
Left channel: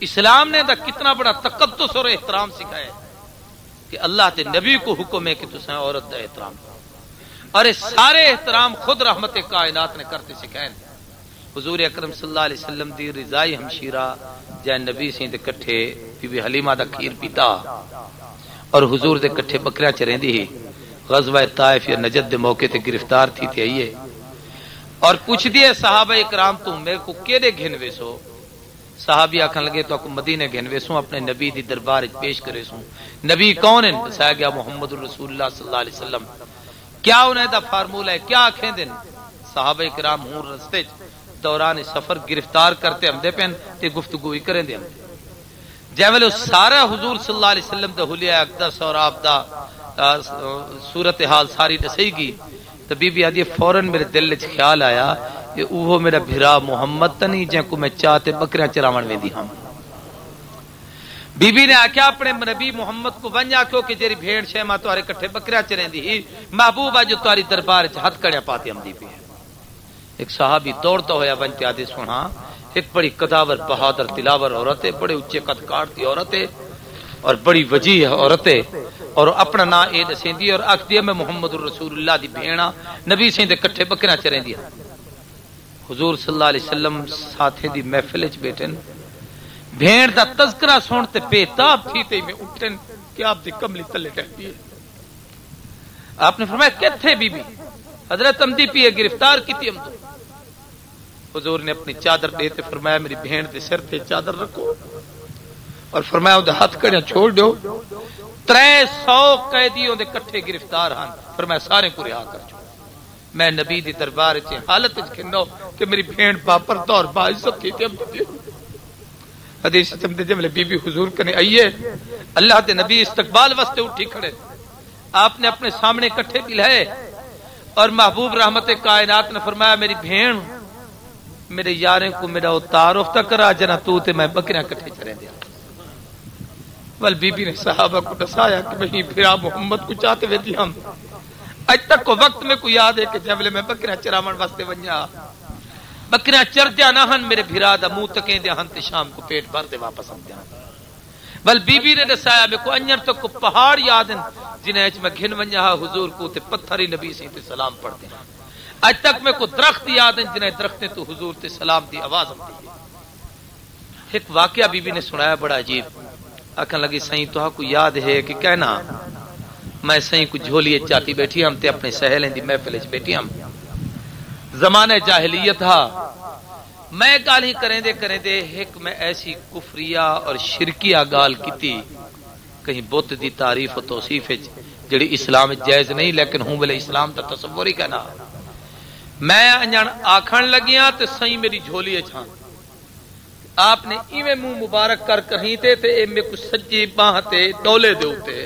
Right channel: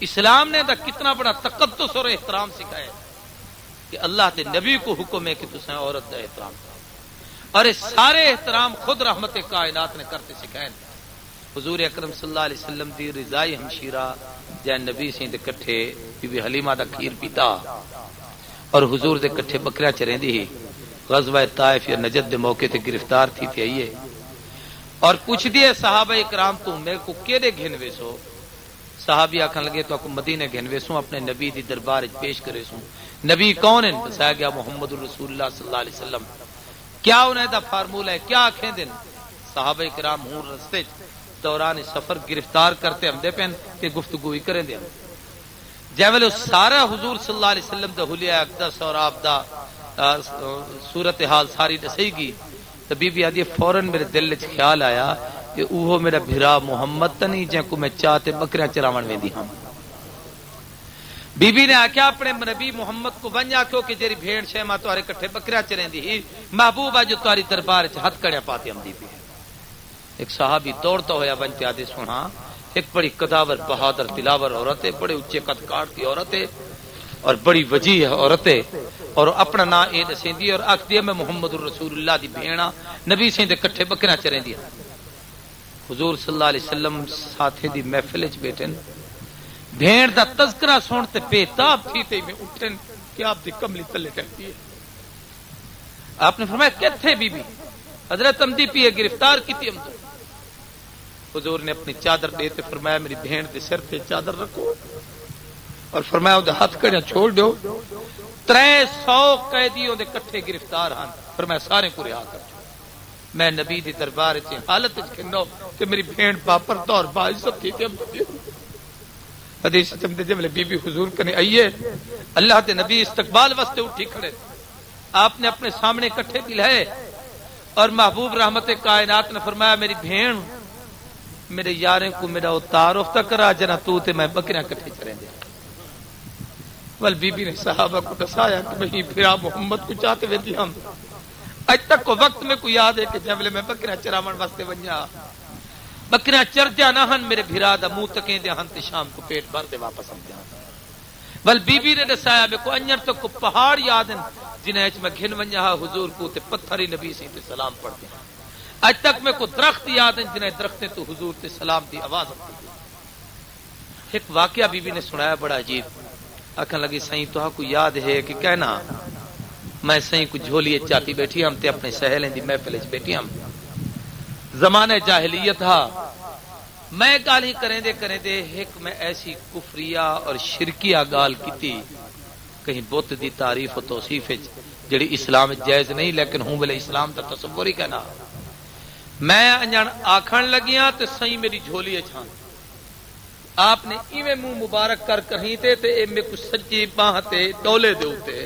اسلام نے کتنا بڑا تقدس اور احترام سکھایا کہ اللہ کے نبی کو حکم ہے کہ تسیں عورت کا احترام کرو، اور یہ سارے احترام خود رحمت کائنات نے کرتے سکھائے۔ حضور اکرم صلی اللہ علیہ وسلم دی رضائی ہمشیرہ جے نبی سی دے کٹھے بی بی حلیمہ دا کھیر پیتا اور حضور دے کٹھے بکریاں چریندی ہی، غزوہ طائف یا نجد دے موقع تے گرفتار تھی تے آئیے اور پوچھ دیے صحابہ اکرام تو میرے کو کیڑے گھنوے سو؟ صحابی آکھن لگے تو اکو مدینے گھنوے سو اپنے نبی دی دربار پیش کرے سو۔ نبی کون ہیں؟ بتایا گیا محمد رسول اللہ صلی اللہ علیہ وسلم۔ کیا انہیں دا فارمولہ ہے، کیا آکھیں دن؟ صحابہ اکرام ہوں رستے دوران سفر گرفتار کرتے ہم دے پہن تے گفتگوئی کریں دے ہم جیولے سارا حضور صلی اللہ علیہ وسلم دا حلیہ اقدس اور آپ دا صورتحال ساری دسئی گی تو بی بی آدھی فوراً میرے دل وچ خیال آیا کہ اوہو میرا بھرا محمد تا نہیں جن کو میں چاہتے بکریاں چراون ویندی ہاں۔ بی بی نے آکھیا اپنے نبی محمد کو ونجا کیوں کہ جیری بھیڑ شیما تہاڈے کٹھے بکریاں چریندی ہی، محبوبہ جو تہاڈی دربار وچ ہتھ کڑیا پاتے ہم دی پی۔ ایک صحابی دوڑتا ہویا بن کے آدھے سنا، ایک بڑی قداور بہادر دلاور عورت ہے، بڑے اچے قد کاٹ کی عورت ہے اور بڑی وجیح عورت ہے، اور اپنا نا اے دسیندی اور آکھدی میں محمد رسول اللہ دی بھیڑا نبی سی دے کٹھے بکریاں چریندی۔ حضور صلی اللہ علیہ وسلم ساتھے دی محفل وچ بیٹھن، بھیڑ دا تذکرہ سنتے بےتاب تھی تے میں اٹھن کہ آپ دی کملی تلے ٹہتی ہے۔ آپ نے فرمایا کتھے بی بی؟ حضرت امدی پیے گرفتار کی تھی ہم تو۔ حضور نے اپنی چادر دیتے فرمایا میری بہن دے سر تے چادر رکھو اور فرمایا اودے ہاتھ کڑیاں چھوڑ دیو۔ 300 قیدیوں دے کٹھے گرفتار ہن، فرمایا سارے کو رہا کر۔ میں نبی دی دربار وچ حالت وچ کھنو کہ میری بہن باپر طور باعزت کی تھی۔ حدیث چمدے جملے بی بی حضور کنے آئیے، اللہ دے نبی استقبال واسطے اٹھی کھڑے، آپ نے اپنے سامنے کٹھے پلائے اور محبوب رحمت کائنات نے فرمایا میری بہن میرے یاریں کو میرا تعارف تک کرا جنا تو تے میں بکریاں کٹھے چریں دیا۔ ول بی بی نے صحابہ کو دسایا کہ میں پھرا محمد کو چاہتے ہوئے ہم اج تک کو وقت میں کو یاد ہے کہ جب میں بکریاں چراون واسطے ونجا بکریاں چر دیا نہ ہن میرے بھرا دا منہ تکیں دیا ہن تے شام کو پیٹ بھر دے واپس آ جانا۔ ول بی بی نے دسایا میں کو انجر تک کو پہاڑ یاد ہیں جنہیں میں گھن ونجا حضور کو تے پتھری نبی سے تے سلام پڑھتے ہیں۔ اج تک میں کو درخت یاد ہیں جنہیں درختیں تو حضور تے سلام دی آواز آتی۔ ایک واقعہ بی بی نے سنایا بڑا عجیب، آکھن لگی سائیں تو کو یاد ہے کہ کہنا میں سائیں کو جھولیے چاہتی بیٹھی ہم تے اپنے سہیلیں دی محفل وچ بیٹھی ہم، زمانہ جاہلیت تھا، میں گال ہی کریں دے ایک میں ایسی کفریہ اور شرکیہ گال کیتی کہیں بت دی تعریف و توصیف جڑی اسلام جائز نہیں لیکن ہوں بلے اسلام دا تصور ہی کہنا۔ میں انجان آکھن لگیاں تے سائیں میری جھولی چھان، آپ نے ایویں منہ مبارک کر کہیں تے اے میں کو سجی باہ تے ڈولے دے اوتے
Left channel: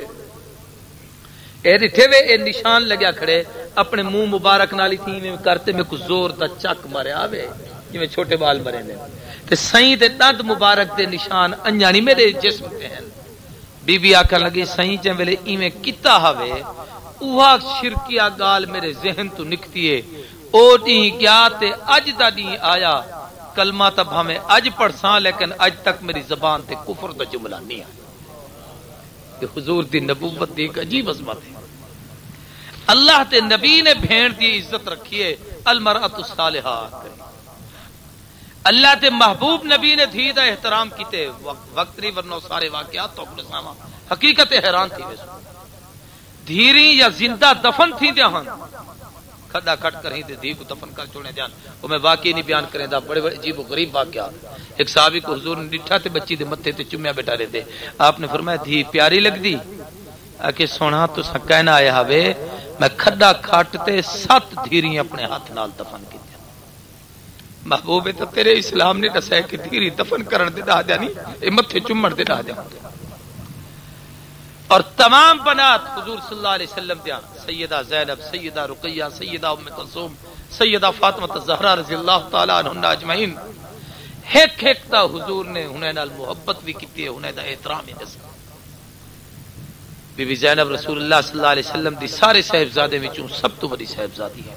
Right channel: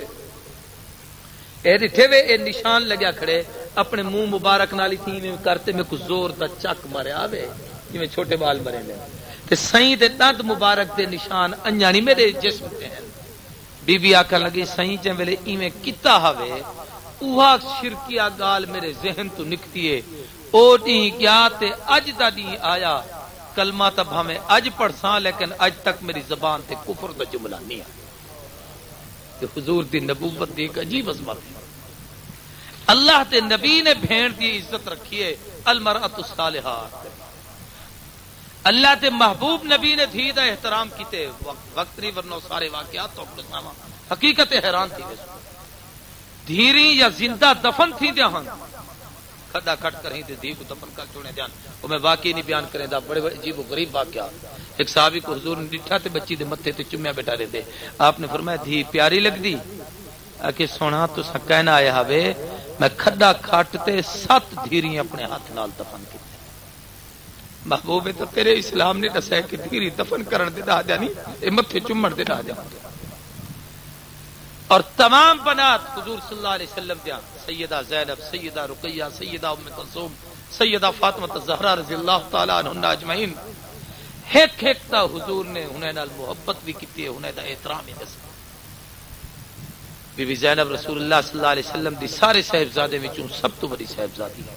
اے ڈٹھے وے اے نشان لگیا کھڑے اپنے منہ مبارک نالی تھی میں کرتے میں کو زور دا چک مرے آوے جویں چھوٹے بال مرے نے تے سائیں دے دند مبارک دے نشان انجانی میرے جسم تے ہیں۔ بی بی آکھن لگی سائیں جے ویلے ایویں کیتا ہوے اوہا شرکیہ گال میرے ذہن تو نکتی ہے، او ڈی گیا تے اج دا ڈی آیا، کلمہ تب ہمیں اج پڑھساں لیکن اج تک میری زبان تے کفر دا جملہ نہیں آیا۔ کہ حضور دی نبوت دی ایک عجیب عظمت ہے، اللہ تے نبی نے بھیڑ دی عزت رکھی ہے، المرأۃ الصالحہ، اللہ تے محبوب نبی نے دھی دا احترام کیتے، وقت نہیں ورنہ سارے واقعات تو اپنے سامنے حقیقت حیران تھی۔ دھیری یا زندہ دفن تھی جہاں کھدا کھٹ کر ہی دی کو دفن کر چھوڑے جان، وہ میں واقعی نہیں بیان کریں دا، بڑے بڑے عجیب و غریب واقعات۔ ایک صحابی کو حضور نے ڈٹھا تے بچی دے متھے تے چومیا بیٹھا رہے دے، آپ نے فرمایا دھی پیاری لگ دی؟ کہ سونا تو سا کہنا آیا ہوے میں کھدا کھٹ تے 7 دھیری اپنے ہاتھ نال دفن کی۔ محبوب تو تیرے اسلام نے دسیا کہ دھیری دفن کرن دے دا جانی اے متھے چومن دے دا جان۔ اور تمام بنات حضور صلی اللہ علیہ وسلم دیا، سیدہ زینب، سیدہ رقیہ، سیدہ ام کلثوم، سیدہ فاطمہ الزہرا رضی اللہ تعالی عنہن اجمعین، ایک ایک تا حضور نے انہیں نال محبت بھی کی ہے، انہیں دا احترام بھی دسیا۔ بی بی زینب رسول اللہ صلی اللہ علیہ وسلم دی سارے صاحبزادے وچوں سب تو بڑی صاحبزادی ہے،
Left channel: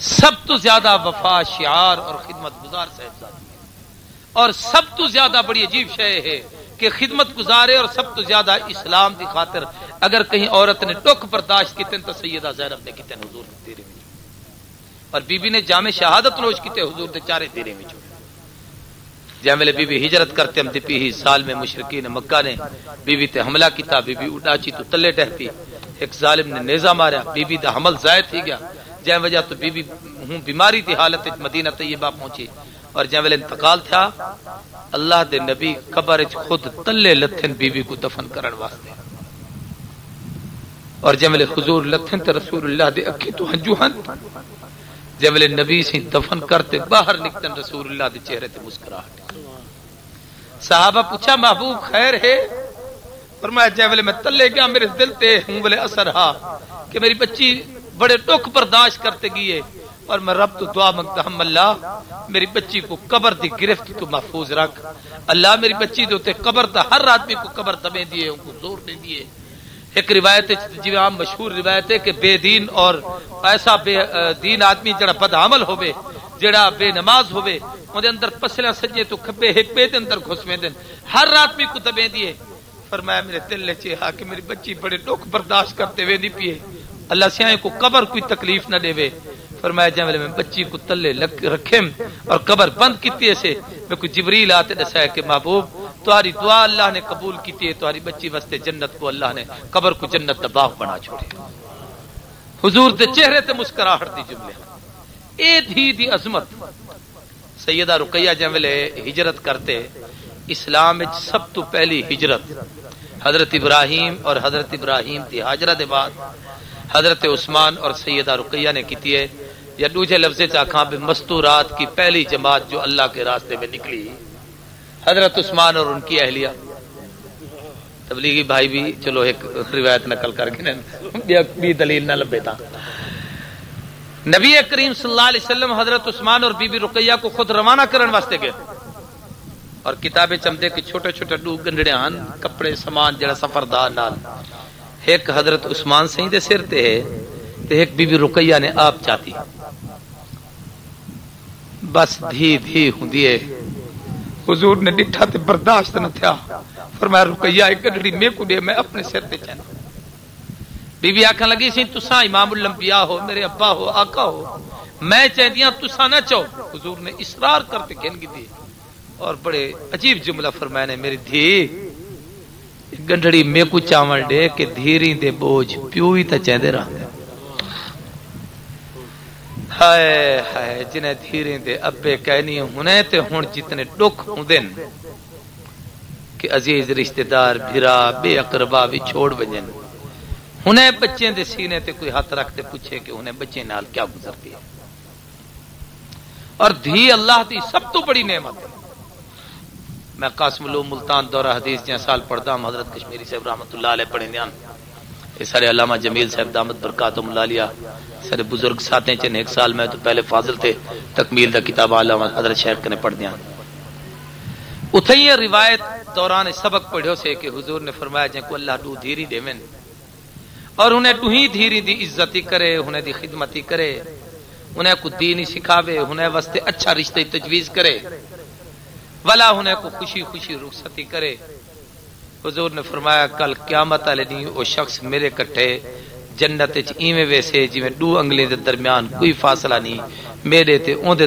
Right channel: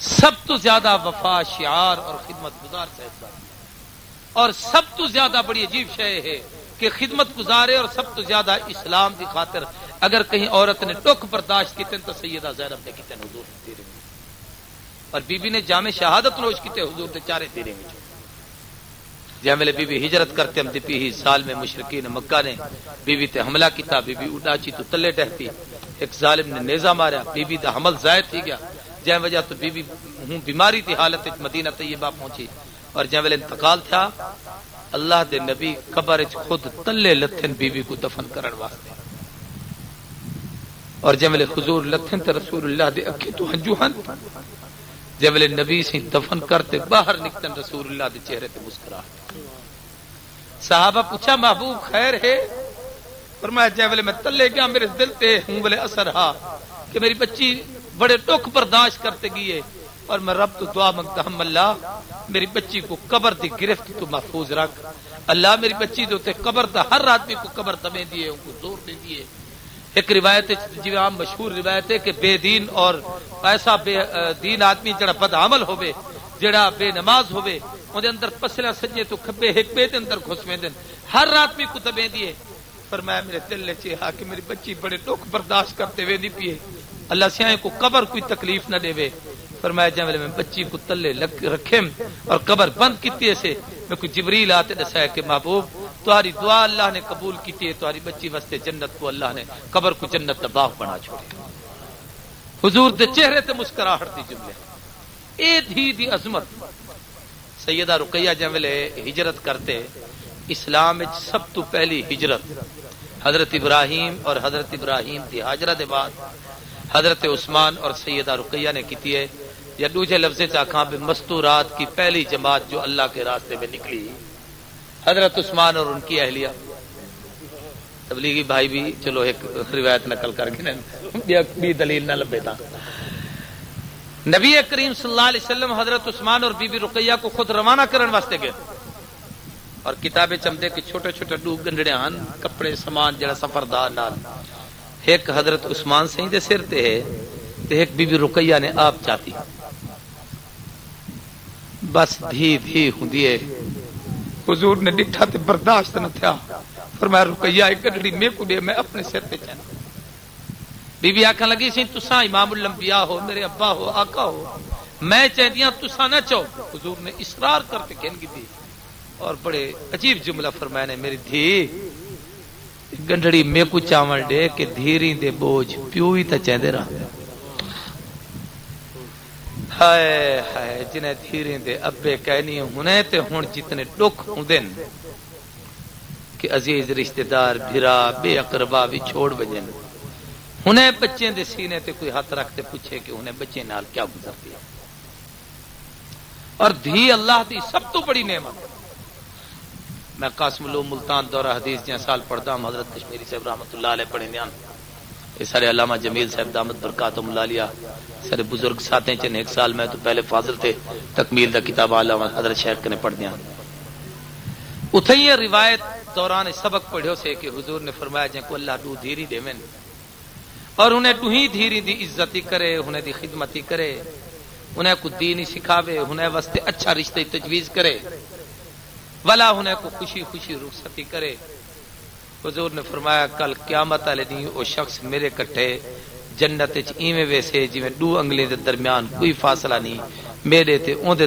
سب تو زیادہ وفا شعار اور خدمت گزار صاحبزادی، اور سب تو زیادہ بڑی عجیب شے ہے کہ خدمت گزارے اور سب تو زیادہ اسلام کی خاطر اگر کہیں عورت نے ٹوک برداشت کیتے تو سیدہ زینب نے کیتے حضور نے تیرے میں، اور بی بی نے جامع شہادت نوش کیتے حضور دے چارے تیرے میں جے ویلے بی بی ہجرت کرتے ہم دی ہی سال میں مشرکین مکہ نے بی بی تے حملہ کیتا، بی بی اڈاچی تو تلے ٹہتی، ایک ظالم نے نیزہ ماریا، بی بی دا حمل زائد تھی گیا، جے وجہ تو بی بی ہوں بیماری تھی حالت مدینہ طیبہ پہنچی، اور جے ویلے انتقال تھا اللہ دے نبی قبر وچ خود تلے لتھن بی بی کو دفن کرن واسطے، اور جے ویلے حضور لتھن تے رسول اللہ دے اکھی تو ہنجو ہن، جے ویلے نبی سی دفن کرتے باہر نکتن رسول اللہ دے چہرے تے مسکراہٹ، صحابہ پوچھا محبوب خیر ہے؟ فرمایا جے ویلے میں تلے گیا میرے دل تے ہوں ویلے اثر ہا کہ میری بچی بڑے ٹوک برداشت کرتے گئی ہے، اور میں رب تو دعا منگتا ہم اللہ میری بچی کو قبر دی گرفت تو محفوظ رکھ، اللہ میری بچی دے قبر دا ہر آدمی کو قبر دبے دیے ان کو زور دے دیے۔ ایک روایت جی عام مشہور روایت ہے کہ بے دین اور ایسا بے دین آدمی جڑا بد عمل ہوے، جڑا بے نماز ہوے، اون اندر پسلا سجے تو کھبے ایک بے دے اندر گھسویں دین ہر آدمی کو دبے دیے۔ فرمایا میرے دل نے چاہا کہ میری بچی بڑے ٹوک برداشت کرتے ہوئے نہیں پیے، اللہ سیاں کو قبر کوئی تکلیف نہ دے۔ فرمایا جے میں بچی کو تلے رکھے اور قبر بند کیتی ایسے میں کوئی جبریل آتے دسایا کہ محبوب تمہاری دعا اللہ نے قبول کیتی ہے، تمہاری بچی واسطے جنت کو اللہ نے قبر کو جنت کا باغ بنا چھوڑے۔ حضور دے چہرے تے مسکراہٹ دی جملے اے دھی دی عظمت۔ سیدہ رقیہ جے ویلے ہجرت کرتے اسلام وچ سب تو پہلی ہجرت حضرت ابراہیم اور حضرت ابراہیم دی ہاجرہ دے بعد حضرت عثمان اور سیدہ رقیہ نے کیتی ہے، یا دوسرے لفظ سے آخاں بھی مستورات کی پہلی جماعت جو اللہ کے راستے میں نکلی حضرت عثمان اور ان کی اہلیہ۔ تبلیغی بھائی بھی چلو ایک روایت نقل کر کے دلیل نہ لبے تھا۔ نبی کریم صلی اللہ علیہ وسلم حضرت عثمان اور بی بی رقیہ کو خود روانہ کرن واسطے گئے، اور کتابیں چمدے کے چھوٹے چھوٹے ڈو گنڈڑے ہن کپڑے سامان جڑا سفردار نال، ایک حضرت عثمان سہیں دے سر تے ہے تے ایک بی بی رقیہ نے آپ چاہتی، بس دھی دھی ہوندی ہے۔ حضور نے ڈٹھا تے برداشت نہ تھیا، فرمایا رقیہ ایک گڈڑی میں کو دے میں اپنے سر تے چاہنا۔ بی بی آکھن لگی سی تساں امام الانبیاء ہو، میرے ابا ہو، آقا ہو، میں چاہدیاں تساں نہ چاہو۔ حضور نے اصرار کرتے کہن کی تھی، اور بڑے عجیب جملہ فرمایا نے میری دھی گنڈڑی میں کو چاول دے کہ دھیری دے بوجھ پیو ہی تے چاہندے رہا۔ ہائے ہائے جنہیں دھیریں دے ابے کہنی ہونے تے ہون جتنے ڈک ہوندن کہ عزیز رشتہ دار بھرا بے اقربا بھی چھوڑ بجن، انہیں بچے دے سینے تے کوئی ہاتھ رکھتے پوچھے کہ انہیں بچے نال کیا گزرتی ہے۔ اور دھی اللہ دی سب تو بڑی نعمت۔ میں قاسم العلوم ملتان دورہ حدیث جہاں سال پڑھتا ہوں، حضرت کشمیری صاحب رحمۃ اللہ علیہ پڑھیں دیاں، یہ سارے علامہ جمیل صاحب دامت برکاتہم اللہ علیہ سارے بزرگ ساتھیں چن ایک سال میں تو پہلے فاضل تھے، تکمیل دا کتاب علامہ حضرت شیخ نے پڑھ دیاں۔ اتھے یہ روایت دوران سبق پڑھو سے کہ حضور نے فرمایا جن کو اللہ دو دھیری دے من اور انہیں تو ہی دھیری دی عزتی کرے، انہیں دی خدمتی کرے، انہیں کو دینی سکھاوے، انہیں واسطے اچھا رشتہ تجویز کرے، ولا انہیں کو خوشی خوشی رخصتی کرے۔ حضور نے فرمایا کل قیامت والے دن وہ شخص میرے کٹھے جنت وچ ایویں ویسے جویں دو انگلیں دے درمیان کوئی فاصلہ نہیں، میرے تے اون دے